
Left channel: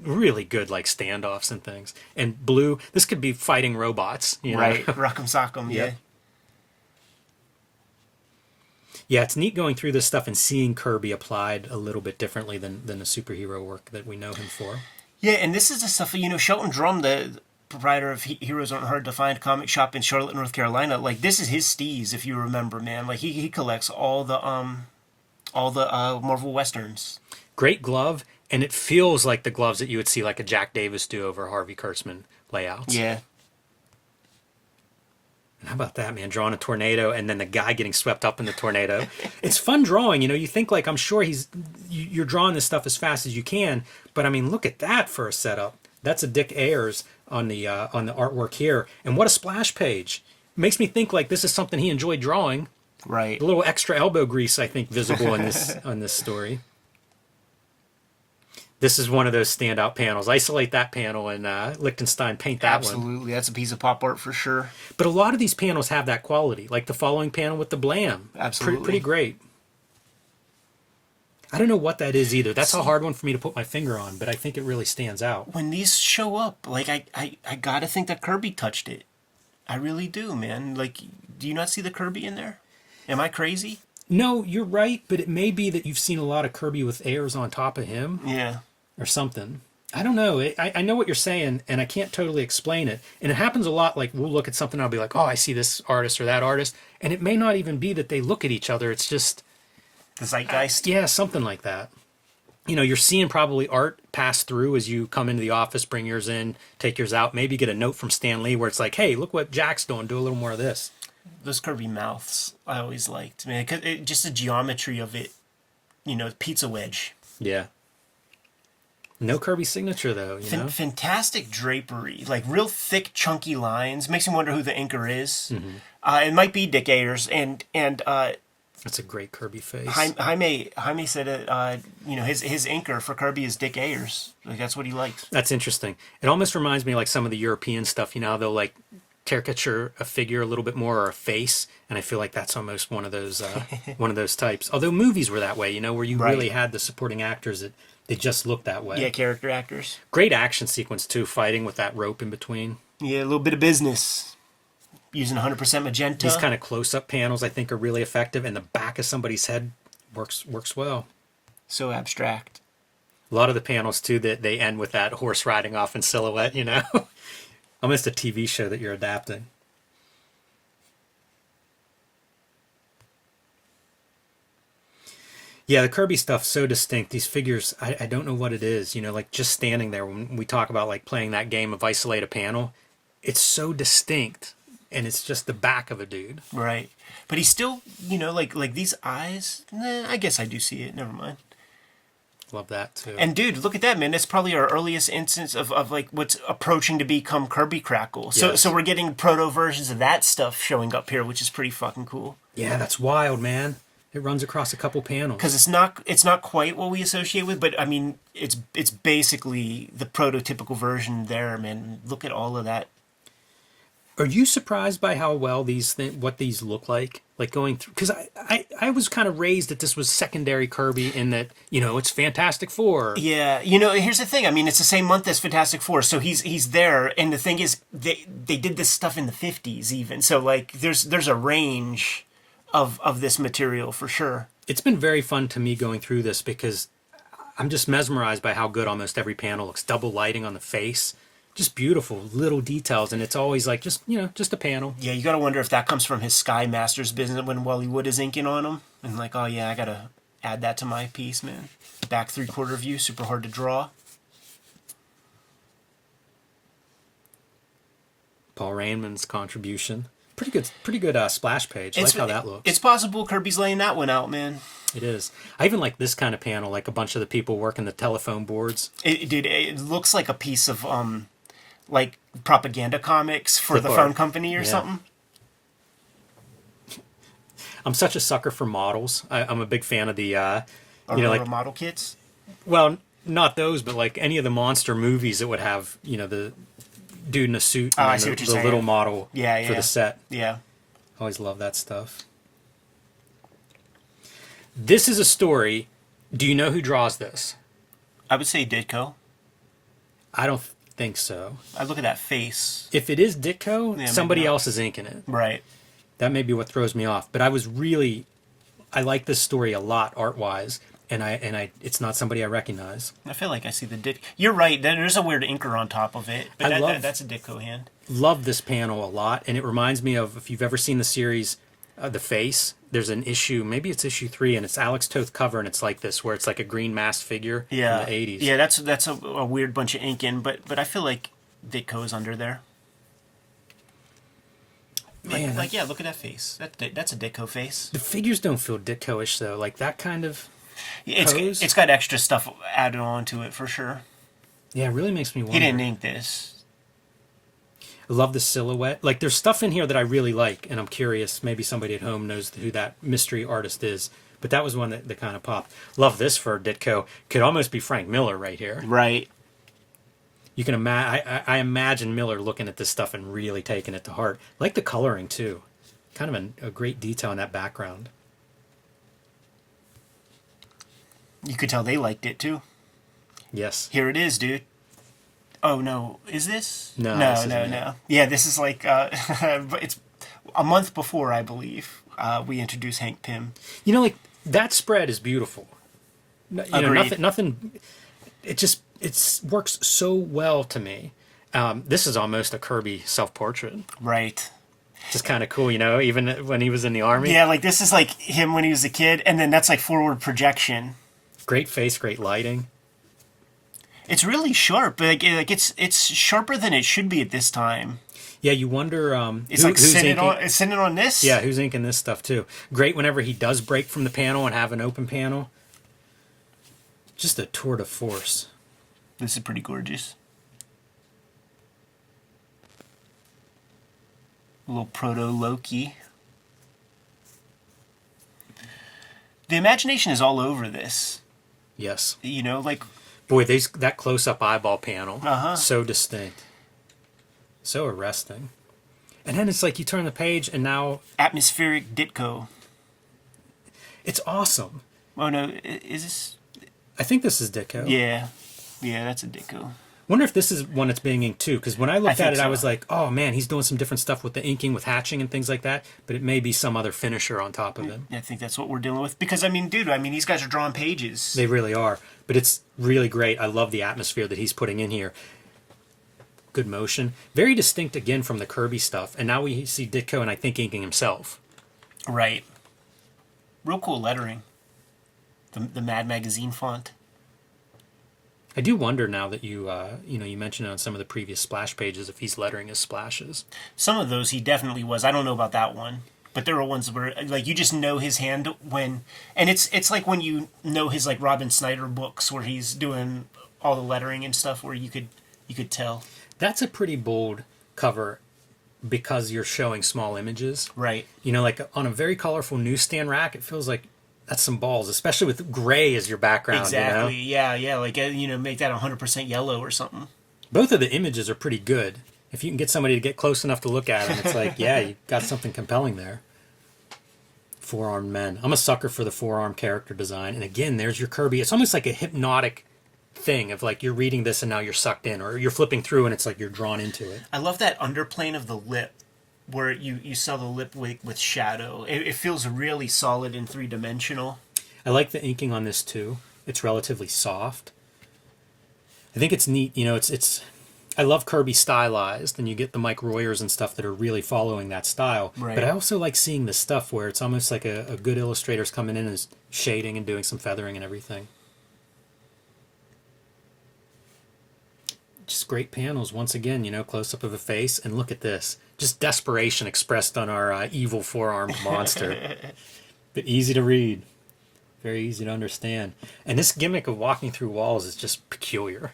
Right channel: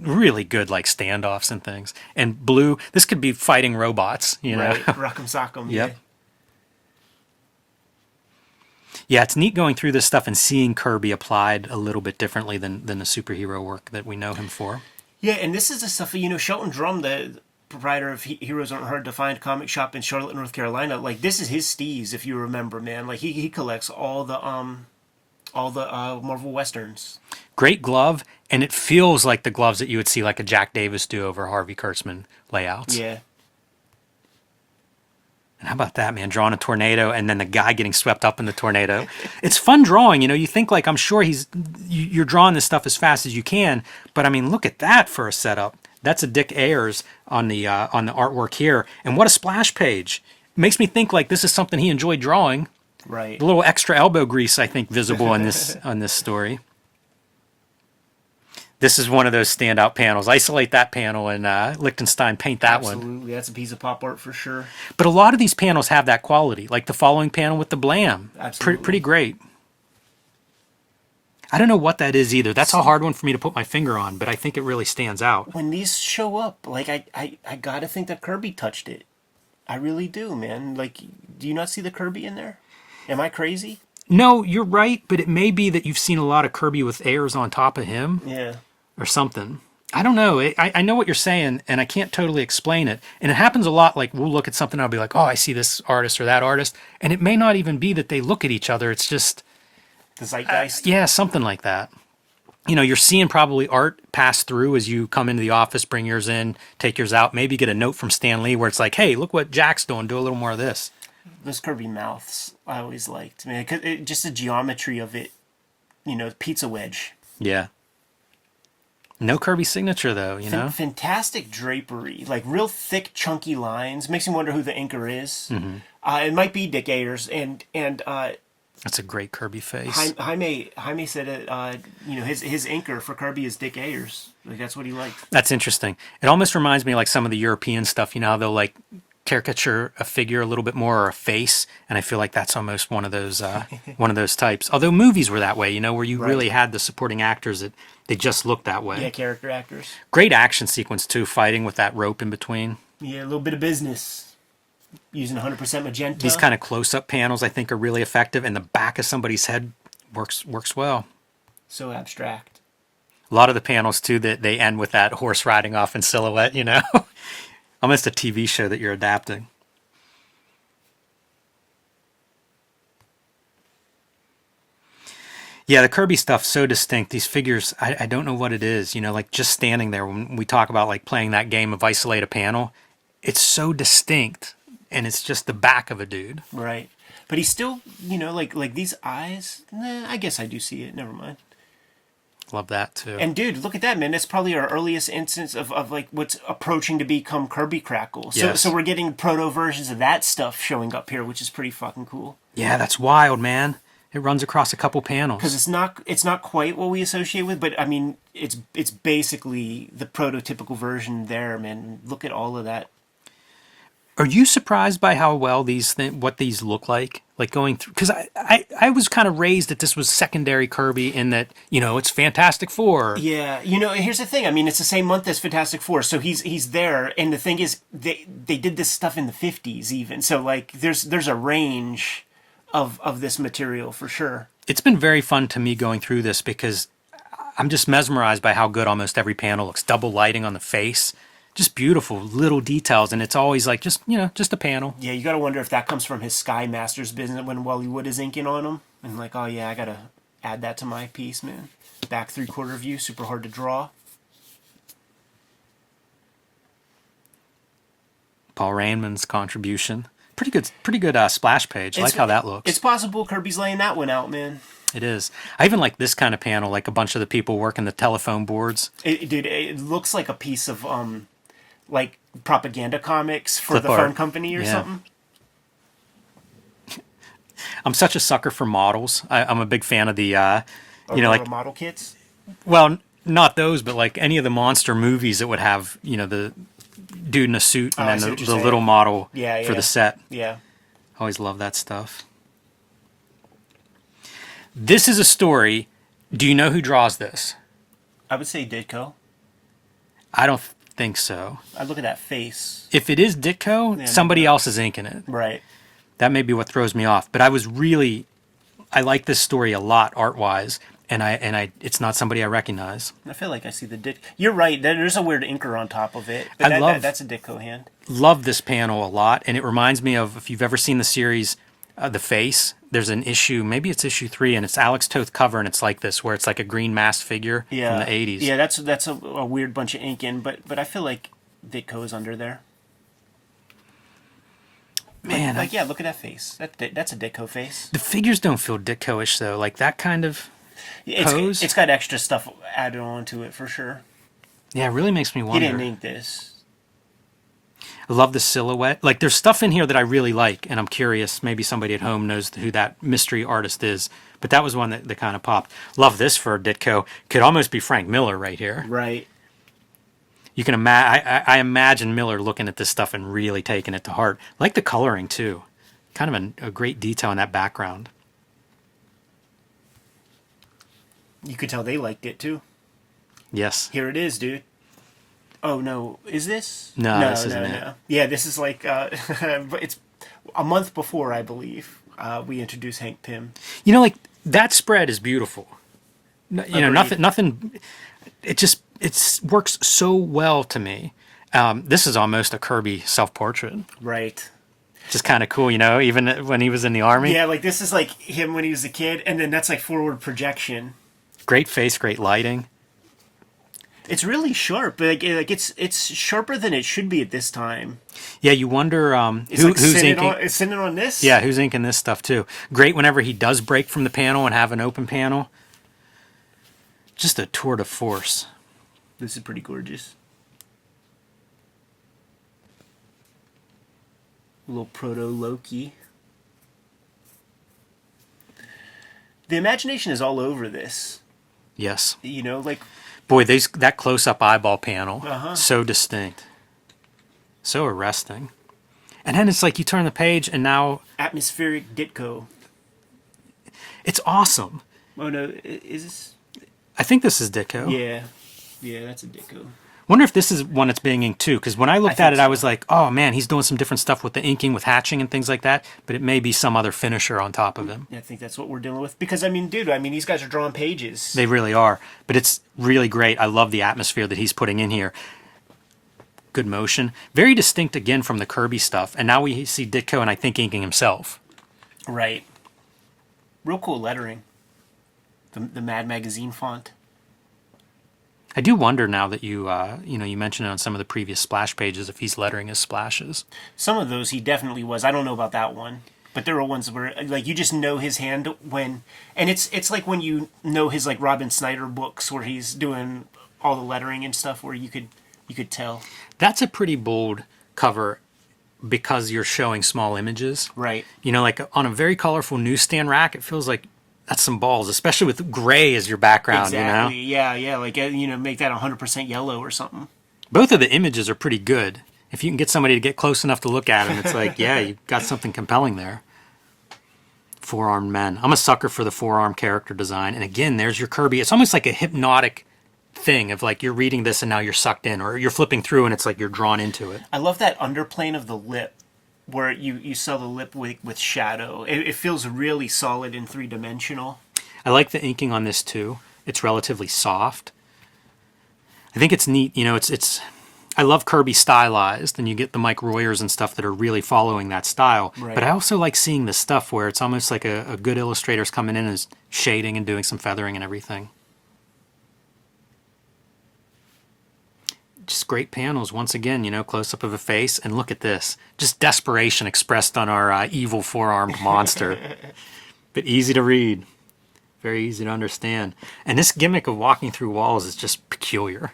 really good like standoffs and things. And blue, this could be fighting robots. Right, Rock'em Sock'em, yeah. Yep. Yeah, it's neat going through this stuff and seeing Kirby applied a little bit differently than the superhero work that we know him for. Yeah, and this is the stuff, Shelton Drum, the proprietor of Heroes Aren't Hard to Find comic shop in Charlotte, North Carolina, like this is his steez, if you remember, man. Like he collects all the Marvel Westerns. Great glove, and it feels like the gloves that you would see like a Jack Davis do over Harvey Kurtzman layouts. Yeah. And how about that, man? Drawing a tornado and then the guy getting swept up in the tornado. It's fun drawing, you think like, I'm sure you're drawing this stuff as fast as you can, but I mean, look at that for a setup. That's a Dick Ayers on the artwork here. And what a splash page. It makes me think like this is something he enjoyed drawing. Right. A little extra elbow grease, I think, visible in this story. This is one of those standout panels. Isolate that panel and Lichtenstein paint that one. Absolutely. That's a piece of pop art for sure. But a lot of these panels have that quality, like the following panel with the Blam. Absolutely. Pretty great. I don't know what that is either. That's a hard one for me to put my finger on, but I think it really stands out. When these show up, like I gotta think that Kirby touched it. I really do, man. Like, do you not see the Kirby in there? Am I crazy? No, you're right, but it may be that you've seen a lot of Kirby with Ayers on top of him. Yeah. Or something. I don't know. I know what you're saying, and I can't totally explain it. And it happens a lot. Like, we'll look at something, and I'll be like, oh, I see this artist or that artist. And it may not even be that they look at each other. It's just... The zeitgeist? Yeah, something like that. You're seeing probably art pass through as you come into the office, bring yours in, take yours out, maybe get a note from Stan Lee where it's like, hey, look what Jack's doing. Do a little more of this. Those Kirby mouths I always liked, man. Cause just the geometry of it, pizza wedge. Yeah. No Kirby signature, though, Fantastic drapery. Like, real thick, chunky lines. Makes me wonder who the inker is. Mm-hmm. It might be Dick Ayers. And that's a great Kirby face. Jaime said it, his inker for Kirby is Dick Ayers. Like, that's what he likes. That's interesting. It almost reminds me like some of the European stuff, how they'll like caricature a figure a little bit more or a face, and I feel like that's almost one of those types. Although movies were that way, where you really had the supporting actors that they just looked that way. Yeah, character actors. Great action sequence too, fighting with that rope in between. Yeah, a little bit of business. Using 100% magenta. These kind of close-up panels I think are really effective, and the back of somebody's head works well. So abstract. A lot of the panels too that they end with that horse riding off in silhouette, Almost a TV show that you're adapting. Yeah, the Kirby stuff's so distinct. These figures, I don't know what it is, like just standing there when we talk about like playing that game of isolate a panel, it's so distinct, and it's just the back of a dude. Right. But he's still, like these eyes, I guess I do see it, never mind. Love that too. And dude, look at that, man. That's probably our earliest instance of like what's approaching to become Kirby Crackle. Yes. So we're getting proto versions of that stuff showing up here, which is pretty fucking cool. Yeah, that's wild, man. It runs across a couple panels. Because it's not quite what we associate with, but I mean it's basically the prototypical version there, man. Look at all of that. Are you surprised by how well what these look like? Like going through, because I was kind of raised that this was secondary Kirby in that, it's Fantastic Four. Yeah, here's the thing. I mean, it's the same month as Fantastic Four, so he's there. And the thing is, they did this stuff in the 50s even. So like, there's a range of this material for sure. It's been very fun to me going through this because I'm just mesmerized by how good almost every panel looks. Double lighting on the face. Just beautiful little details, and it's always like just a panel. Yeah, you gotta wonder if that comes from his Sky Masters business when Wally Wood is inking on them, and like, oh yeah, I gotta add that to my piece, man. Back 3/4 view, super hard to draw. Paul Raymond's contribution. Pretty good splash page. I like how that looks. It's possible Kirby's laying that one out, man. It is. I even like this kind of panel, like a bunch of the people working the telephone boards. Dude, it looks like a piece of like propaganda comics for the art. phone company or something. I'm such a sucker for models. I'm a big fan of the like model kits. well, not those, but like any of the monster movies that would have the dude in a suit I and see then what you're the saying. little model Yeah, for the set. Yeah. Always love that stuff. This is a story. Do you know who draws this? I would say Ditko. I don't think so. I look at that face. If it is Ditko, Yeah, somebody maybe not. else is inking it. Right. That may be what throws me off. But I like this story a lot art-wise, and it's not somebody I recognize. I feel like I see the Ditko. You're right. There's a weird inker on top of it, but that's a Ditko hand. Love this panel a lot, and it reminds me of, if you've ever seen the series The Face, there's an issue, maybe it's issue 3, and it's Alex Toth cover, and it's like this, where it's like a green masked figure from the 80s. Yeah, that's a weird bunch of ink in, but I feel like Ditko is under there. Man, yeah, look at that face. That's a Ditko face. the figures don't feel Ditko-ish, though. Like that kind of pose. It's got extra stuff added on to it for sure. Yeah, it really makes me wonder. He didn't ink this. I love the silhouette. Like, there's stuff in here that I really like, and I'm curious. Maybe somebody at home knows who that mystery artist is. But that was one that kind of popped. Love this for Ditko. Could almost be Frank Miller right here. Right. You can I imagine Miller looking at this stuff and really taking it to heart. Like the coloring, too. Kind of a great detail in that background. You could tell they liked it, too. Yes. Here it is, dude. Oh, no. Is this? No, No, this no, isn't no. Yeah, this is like... it's a month before, I believe, we introduced Hank Pym. You know, like, that spread is beautiful. Agreed. Nothing... It works so well to me. This is almost a Kirby self-portrait. Right. Just kind of cool, even when he was in the army. Yeah, like, this is like him when he was a kid, and then that's like forward projection. Great face, great lighting. It's really sharp. Like it's sharper than it should be at this time. Yeah, you wonder. It's like sitting on this. Yeah, who's inking this stuff too? Great whenever he does break from the panel and have an open panel. Just a tour de force. This is pretty gorgeous. A little proto Loki. The imagination is all over this. Yes. Like... Boy, that close-up eyeball panel, so distinct. So arresting. And then it's like you turn the page and now... Atmospheric Ditko. It's awesome. Oh, no. Is this... I think this is Ditko. Yeah. Yeah, that's a Ditko. Wonder if this is one that's being inked too, because when I looked at it, so. I was like, oh man, he's doing some different stuff with the inking, with hatching and things like that, but it may be some other finisher on top of him. I think that's what we're dealing with. Because, dude, these guys are drawing pages. They really are, but it's really great. I love the atmosphere that he's putting in here. Good motion. Very distinct, again, from the Kirby stuff, and now we see Ditko, and I think inking himself. Right. Real cool lettering. The Mad Magazine font. I do wonder now that you mentioned it on some of the previous splash pages if he's lettering his splashes. Some of those he definitely was. I don't know about that one, but there are ones where like you just know his hand when, and it's like when you know his like Robin Snyder books where he's doing all the lettering and stuff where you could tell. That's a pretty bold cover because you're showing small images. Right. Like on a very colorful newsstand rack, it feels like that's some balls, especially with gray as your background. Exactly. Yeah. Like, make that 100% yellow or something. Both of the images are pretty good. If you can get somebody to get close enough to look at them, it's like, yeah, you got something compelling there. Four-armed men. I'm a sucker for the four-arm character design. And again, there's your Kirby. It's almost like a hypnotic thing of like you're reading this and now you're sucked in, or you're flipping through and it's like you're drawn into it. I love that underplane of the lip, where you saw the lip with shadow. It feels really solid and three-dimensional. I like the inking on this too. It's relatively soft. I think it's neat. It's I love Kirby stylized, and you get the Mike Royers and stuff that are really following that style. Right. But I also like seeing the stuff where it's almost like a good illustrator's coming in and is shading and doing some feathering and everything. just great panels. Once again, close up of a face, and look at this. Just desperation expressed on our evil four-armed monster. But easy to read. Very easy to understand. And this gimmick of walking through walls is just peculiar.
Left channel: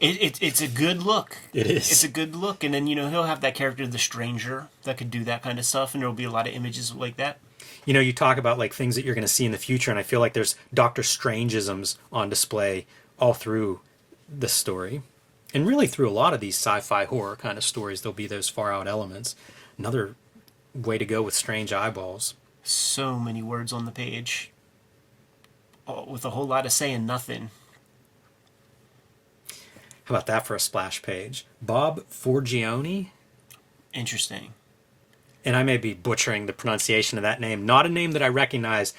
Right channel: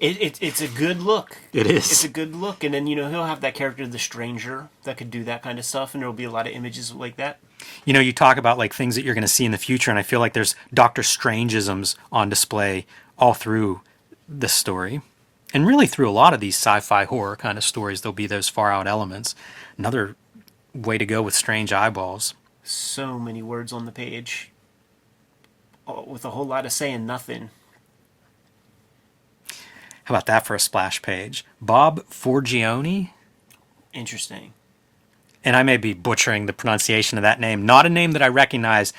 It's a good look. It is. It's a good look. And then, he'll have that character, the Stranger, that could do that kind of stuff. And there'll be a lot of images like that. You talk about like things that you're going to see in the future, and I feel like there's Doctor Strangeisms on display all through this story. And really through a lot of these sci-fi horror kind of stories, there'll be those far out elements. Another way to go with strange eyeballs. So many words on the page, with a whole lot of saying nothing. How about that for a splash page? Bob Forgione? Interesting. And I may be butchering the pronunciation of that name. Not a name that I recognize,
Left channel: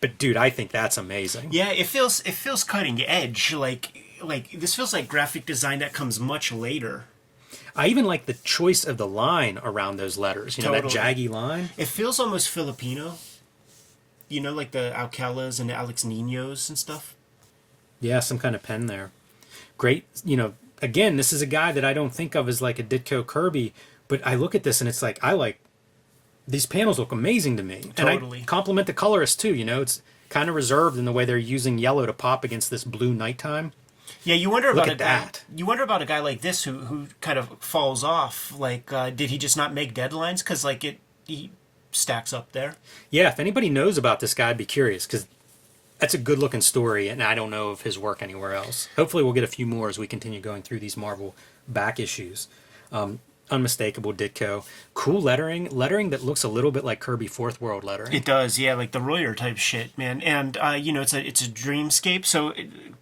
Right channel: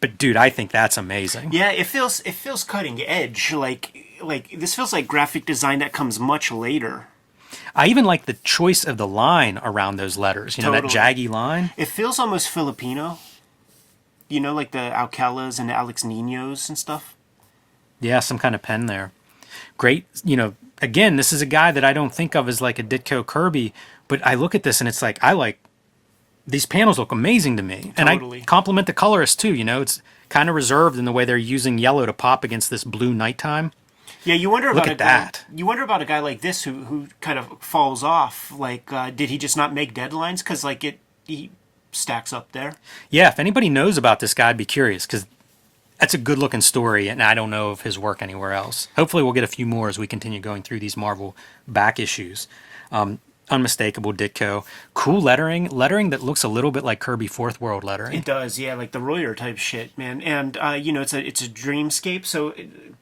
but dude, I think that's amazing. Yeah, it feels cutting edge. Like this feels like graphic design that comes much later. I even like the choice of the line around those letters. Totally. That jaggy line. It feels almost Filipino. Like the Alcalas and the Alex Ninos and stuff. Yeah, some kind of pen there. Great, again, this is a guy that I don't think of as like a Ditko Kirby, but I look at this and it's like, these panels look amazing to me. Totally. And I compliment the colorist too, it's kind of reserved in the way they're using yellow to pop against this blue nighttime. Yeah, you wonder about Look a at guy. that. You wonder about a guy like this who kind of falls off. Like, did he just not make deadlines? Because he stacks up there. Yeah, if anybody knows about this guy, I'd be curious, because that's a good looking story, and I don't know of his work anywhere else. Hopefully we'll get a few more as we continue going through these Marvel back issues. Unmistakable Ditko. Cool lettering that looks a little bit like Kirby Fourth World lettering. It does, yeah, like the Royer type shit, man. And it's a dreamscape. So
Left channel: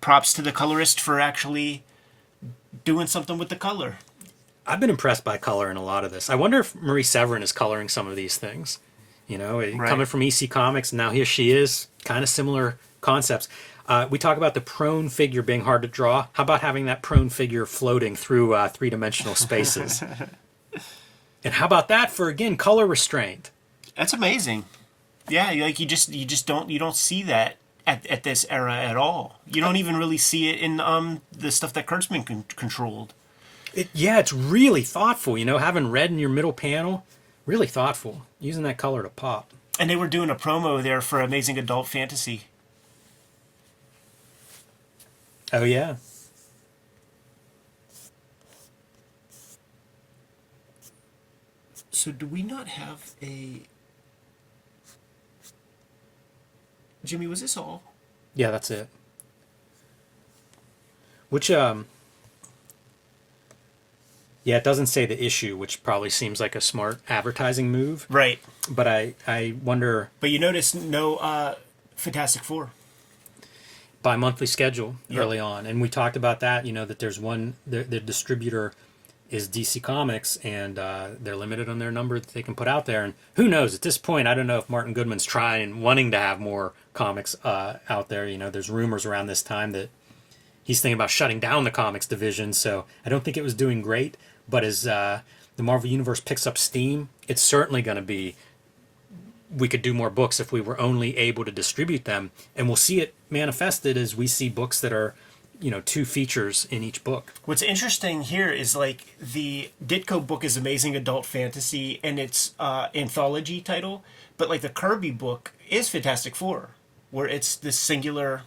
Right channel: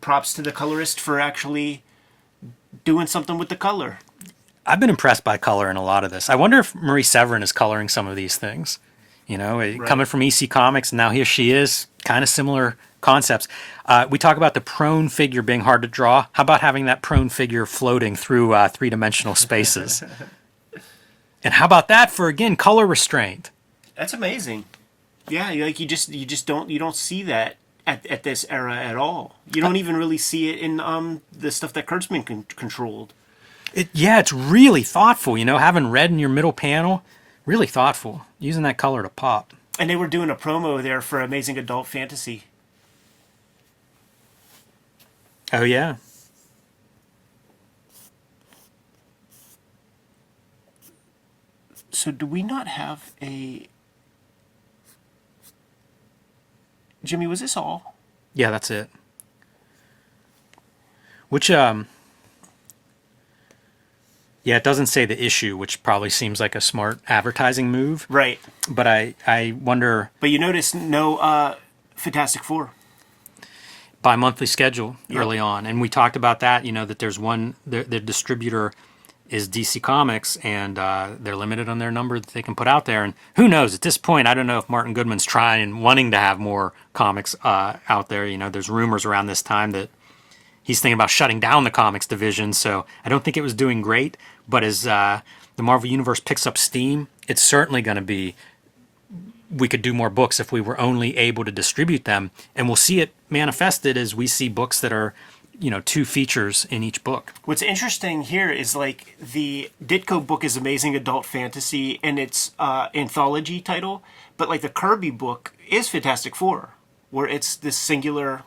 props to the colorist for actually doing something with the color. I've been impressed by color in a lot of this. I wonder if Marie Severin is coloring some of these things. Right. Coming from EC Comics, and now here she is. Kind of similar concepts. We talk about the prone figure being hard to draw. How about having that prone figure floating through three-dimensional spaces? And how about that for, again, color restraint? That's amazing. Yeah, you just don't see that at this era at all. You don't even really see it in the stuff that Kurtzman controlled. It's really thoughtful, having red in your middle panel, really thoughtful, using that color to pop. And they were doing a promo there for Amazing Adult Fantasy. Oh, yeah. So do we not have a... Jimmy, was this all? Yeah, that's it. Which, yeah, it doesn't say the issue, which probably seems like a smart advertising move. Right. But I wonder... But you notice no Fantastic Four. Bi-monthly schedule Yep. early on. And we talked about that, that there's one... The distributor is DC Comics, and they're limited on their number that they can put out there. And who knows? At this point, I don't know if Martin Goodman's wanting to have more comics out there. There's rumors around this time that he's thinking about shutting down the comics division, so I don't think it was doing great. But as the Marvel Universe picks up steam, it's certainly going to be, we could do more books if we were only able to distribute them. And we'll see it manifested as we see books that are, 2 features in each book. What's interesting here is like the Ditko book is Amazing Adult Fantasy and its anthology title, but like the Kirby book is Fantastic Four, where it's this singular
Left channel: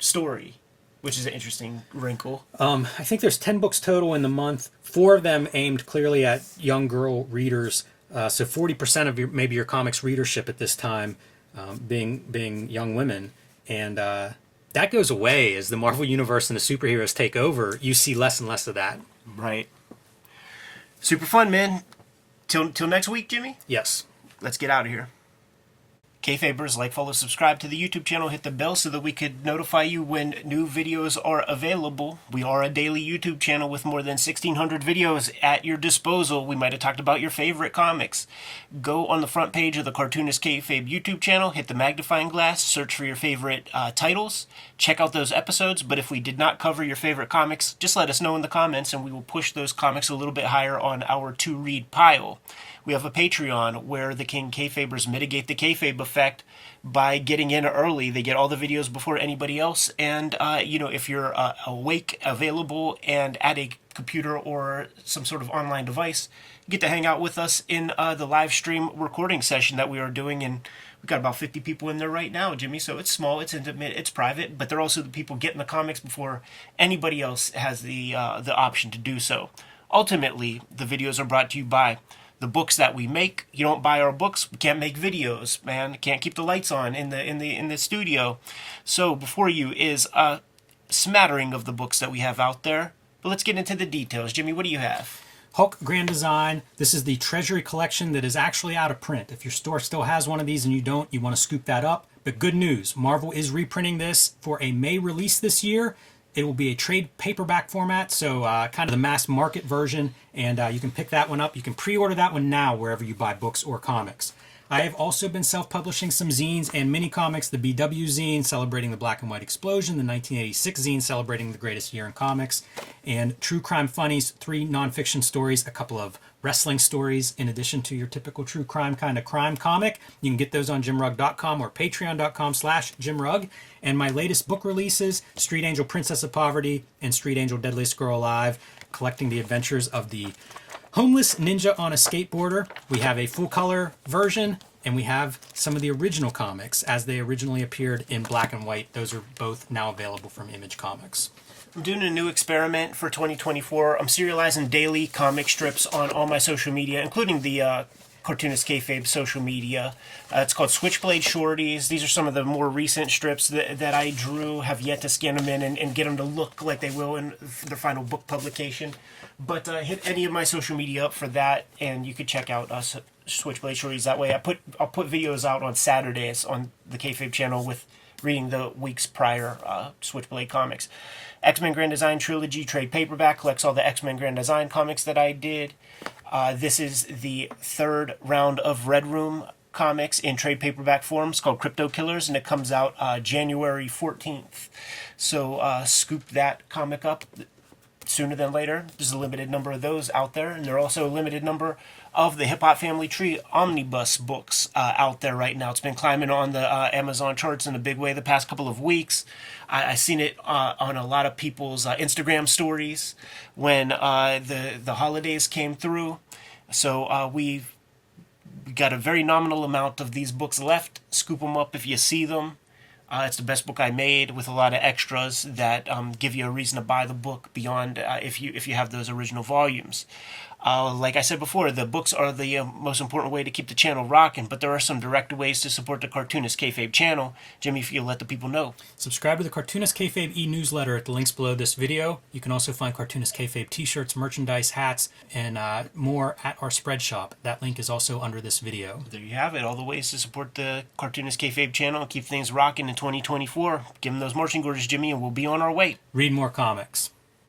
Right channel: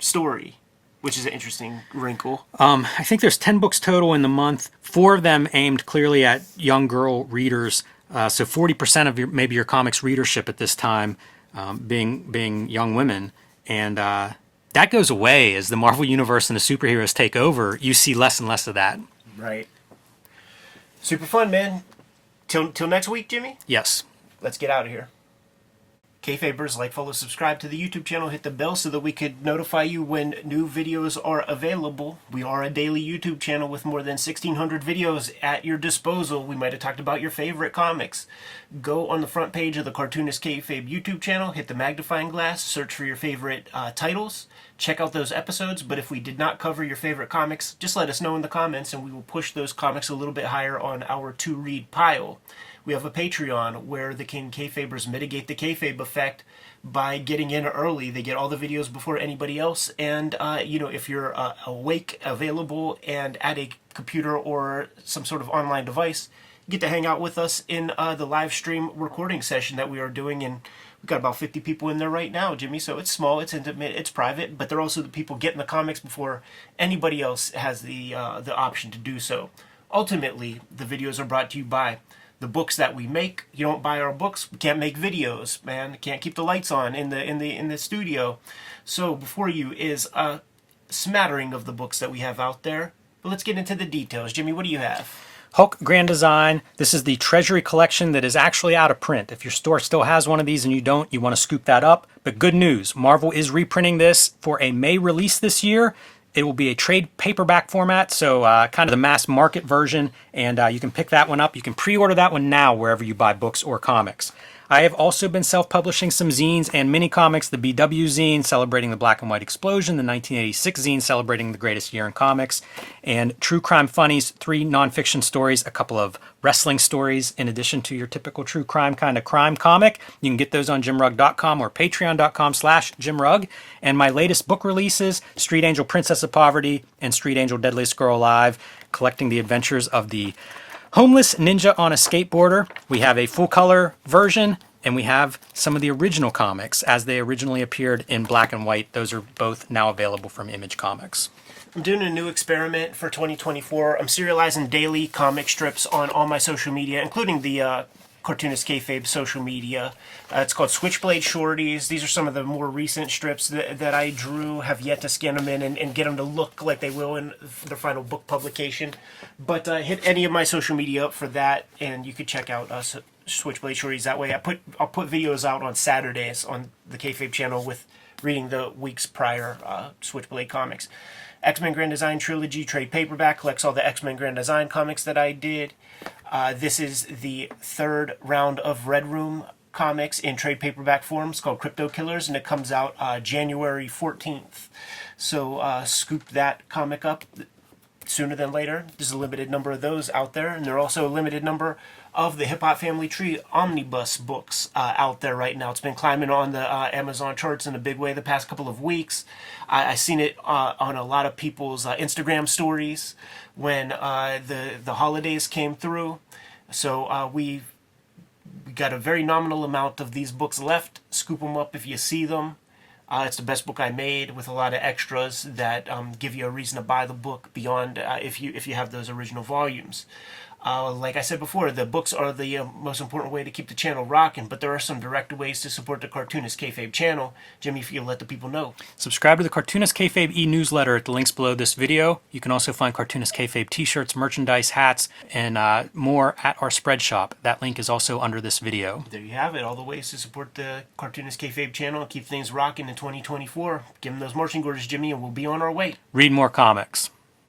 story, which is an interesting wrinkle. I think there's 10 books total in the month, 4 of them aimed clearly at young girl readers. So 40% of maybe your comics readership at this time being young women. And that goes away as the Marvel Universe and the superheroes take over. You see less and less of that. Right. Super fun, man. Till next week, Jimmy? Yes. Let's get out of here. Kayfabers, like, follow, subscribe to the YouTube channel, hit the bell so that we could notify you when new videos are available. We are a daily YouTube channel with more than 1,600 videos at your disposal. We might have talked about your favorite comics. Go on the front page of the Cartoonist Kayfabe YouTube channel, hit the magnifying glass, search for your favorite titles, check out those episodes. But if we did not cover your favorite comics, just let us know in the comments and we will push those comics a little bit higher on our to-read pile. We have a Patreon where the King Kayfabers mitigate the kayfabe effect by getting in early. They get all the videos before anybody else. And, if you're awake, available, and at a computer or some sort of online device, you get to hang out with us in the live stream recording session that we are doing. And we've got about 50 people in there right now, Jimmy. So it's small, it's intimate, it's private, but they're also the people getting the comics before anybody else has the option to do so. Ultimately, the videos are brought to you by the books that we make. You don't buy our books, we can't make videos, man. Can't keep the lights on in the studio. So before you is a smattering of the books that we have out there. But let's get into the details. Jimmy, what do you have? Hulk Grand Design. This is the Treasury collection that is actually out of print. If your store still has one of these and you don't, you want to scoop that up. But good news, Marvel is reprinting this for a May release this year. It will be a trade paperback format, so kind of the mass market version, and you can pick that one up. You can pre-order that one now wherever you buy books or comics. I have also been self-publishing some zines and mini comics, the BW zine celebrating the Black and White Explosion, the 1986 zine celebrating the greatest year in comics, and True Crime Funnies, 3 nonfiction stories, a couple of wrestling stories in addition to your typical true crime kind of crime comic. You can get those on jimrugg.com or patreon.com/jimrugg. And my latest book releases, Street Angel Princess of Poverty and Street Angel Deadliest Girl Alive, collecting the adventures of the homeless ninja on a skateboarder. We have a full color version, and we have some of the original comics as they originally appeared in black and white. Those are both now available from Image Comics. I'm doing a new experiment for 2024. I'm serializing daily comic strips on all my social media, including the Cartoonist Kayfabe social media. It's called Switchblade Shorties. These are some of the more recent strips that I drew. Have yet to scan them in and get them to look like they will in their final book publication. But hit any of my social media up for that, and you could check out us Switchblade Shorties that way. I'll put videos out on Saturdays on the Kayfabe channel with reading the week's prior Switchblade comics. X-Men Grand Design Trilogy trade paperback collects all the X-Men Grand Design comics that I did. This is the third round of Red Room comics in trade paperback form. It's called Crypto Killers, and it comes out January 14th. So scoop that comic up sooner than later. There's a limited number of those out there, and there are also a limited number of the Hip Hop Family Tree omnibus books out there right now. It's been climbing on the Amazon charts in a big way the past couple of weeks. I've seen it on a lot of people's Instagram stories when the holidays came through. So we got a very nominal amount of these books left. Scoop them up if you see them. It's the best book I made with a lot of extras that give you a reason to buy the book beyond if you have those original volumes. Like I said before, the books are the most important way to keep the channel rocking, but there are some direct ways to support the Cartoonist Kayfabe channel. Jimmy, if you'll let the people know. Subscribe to the Cartoonist Kayfabe e-newsletter at the links below this video. You can also find Cartoonist Kayfabe t-shirts, merchandise, hats, and more at our spread shop. That link is also under this video. There you have it, all the ways to support the Cartoonist Kayfabe channel and keep things rocking in 2024. Give them those marching orders, Jimmy, and we'll be on our way. Read more comics.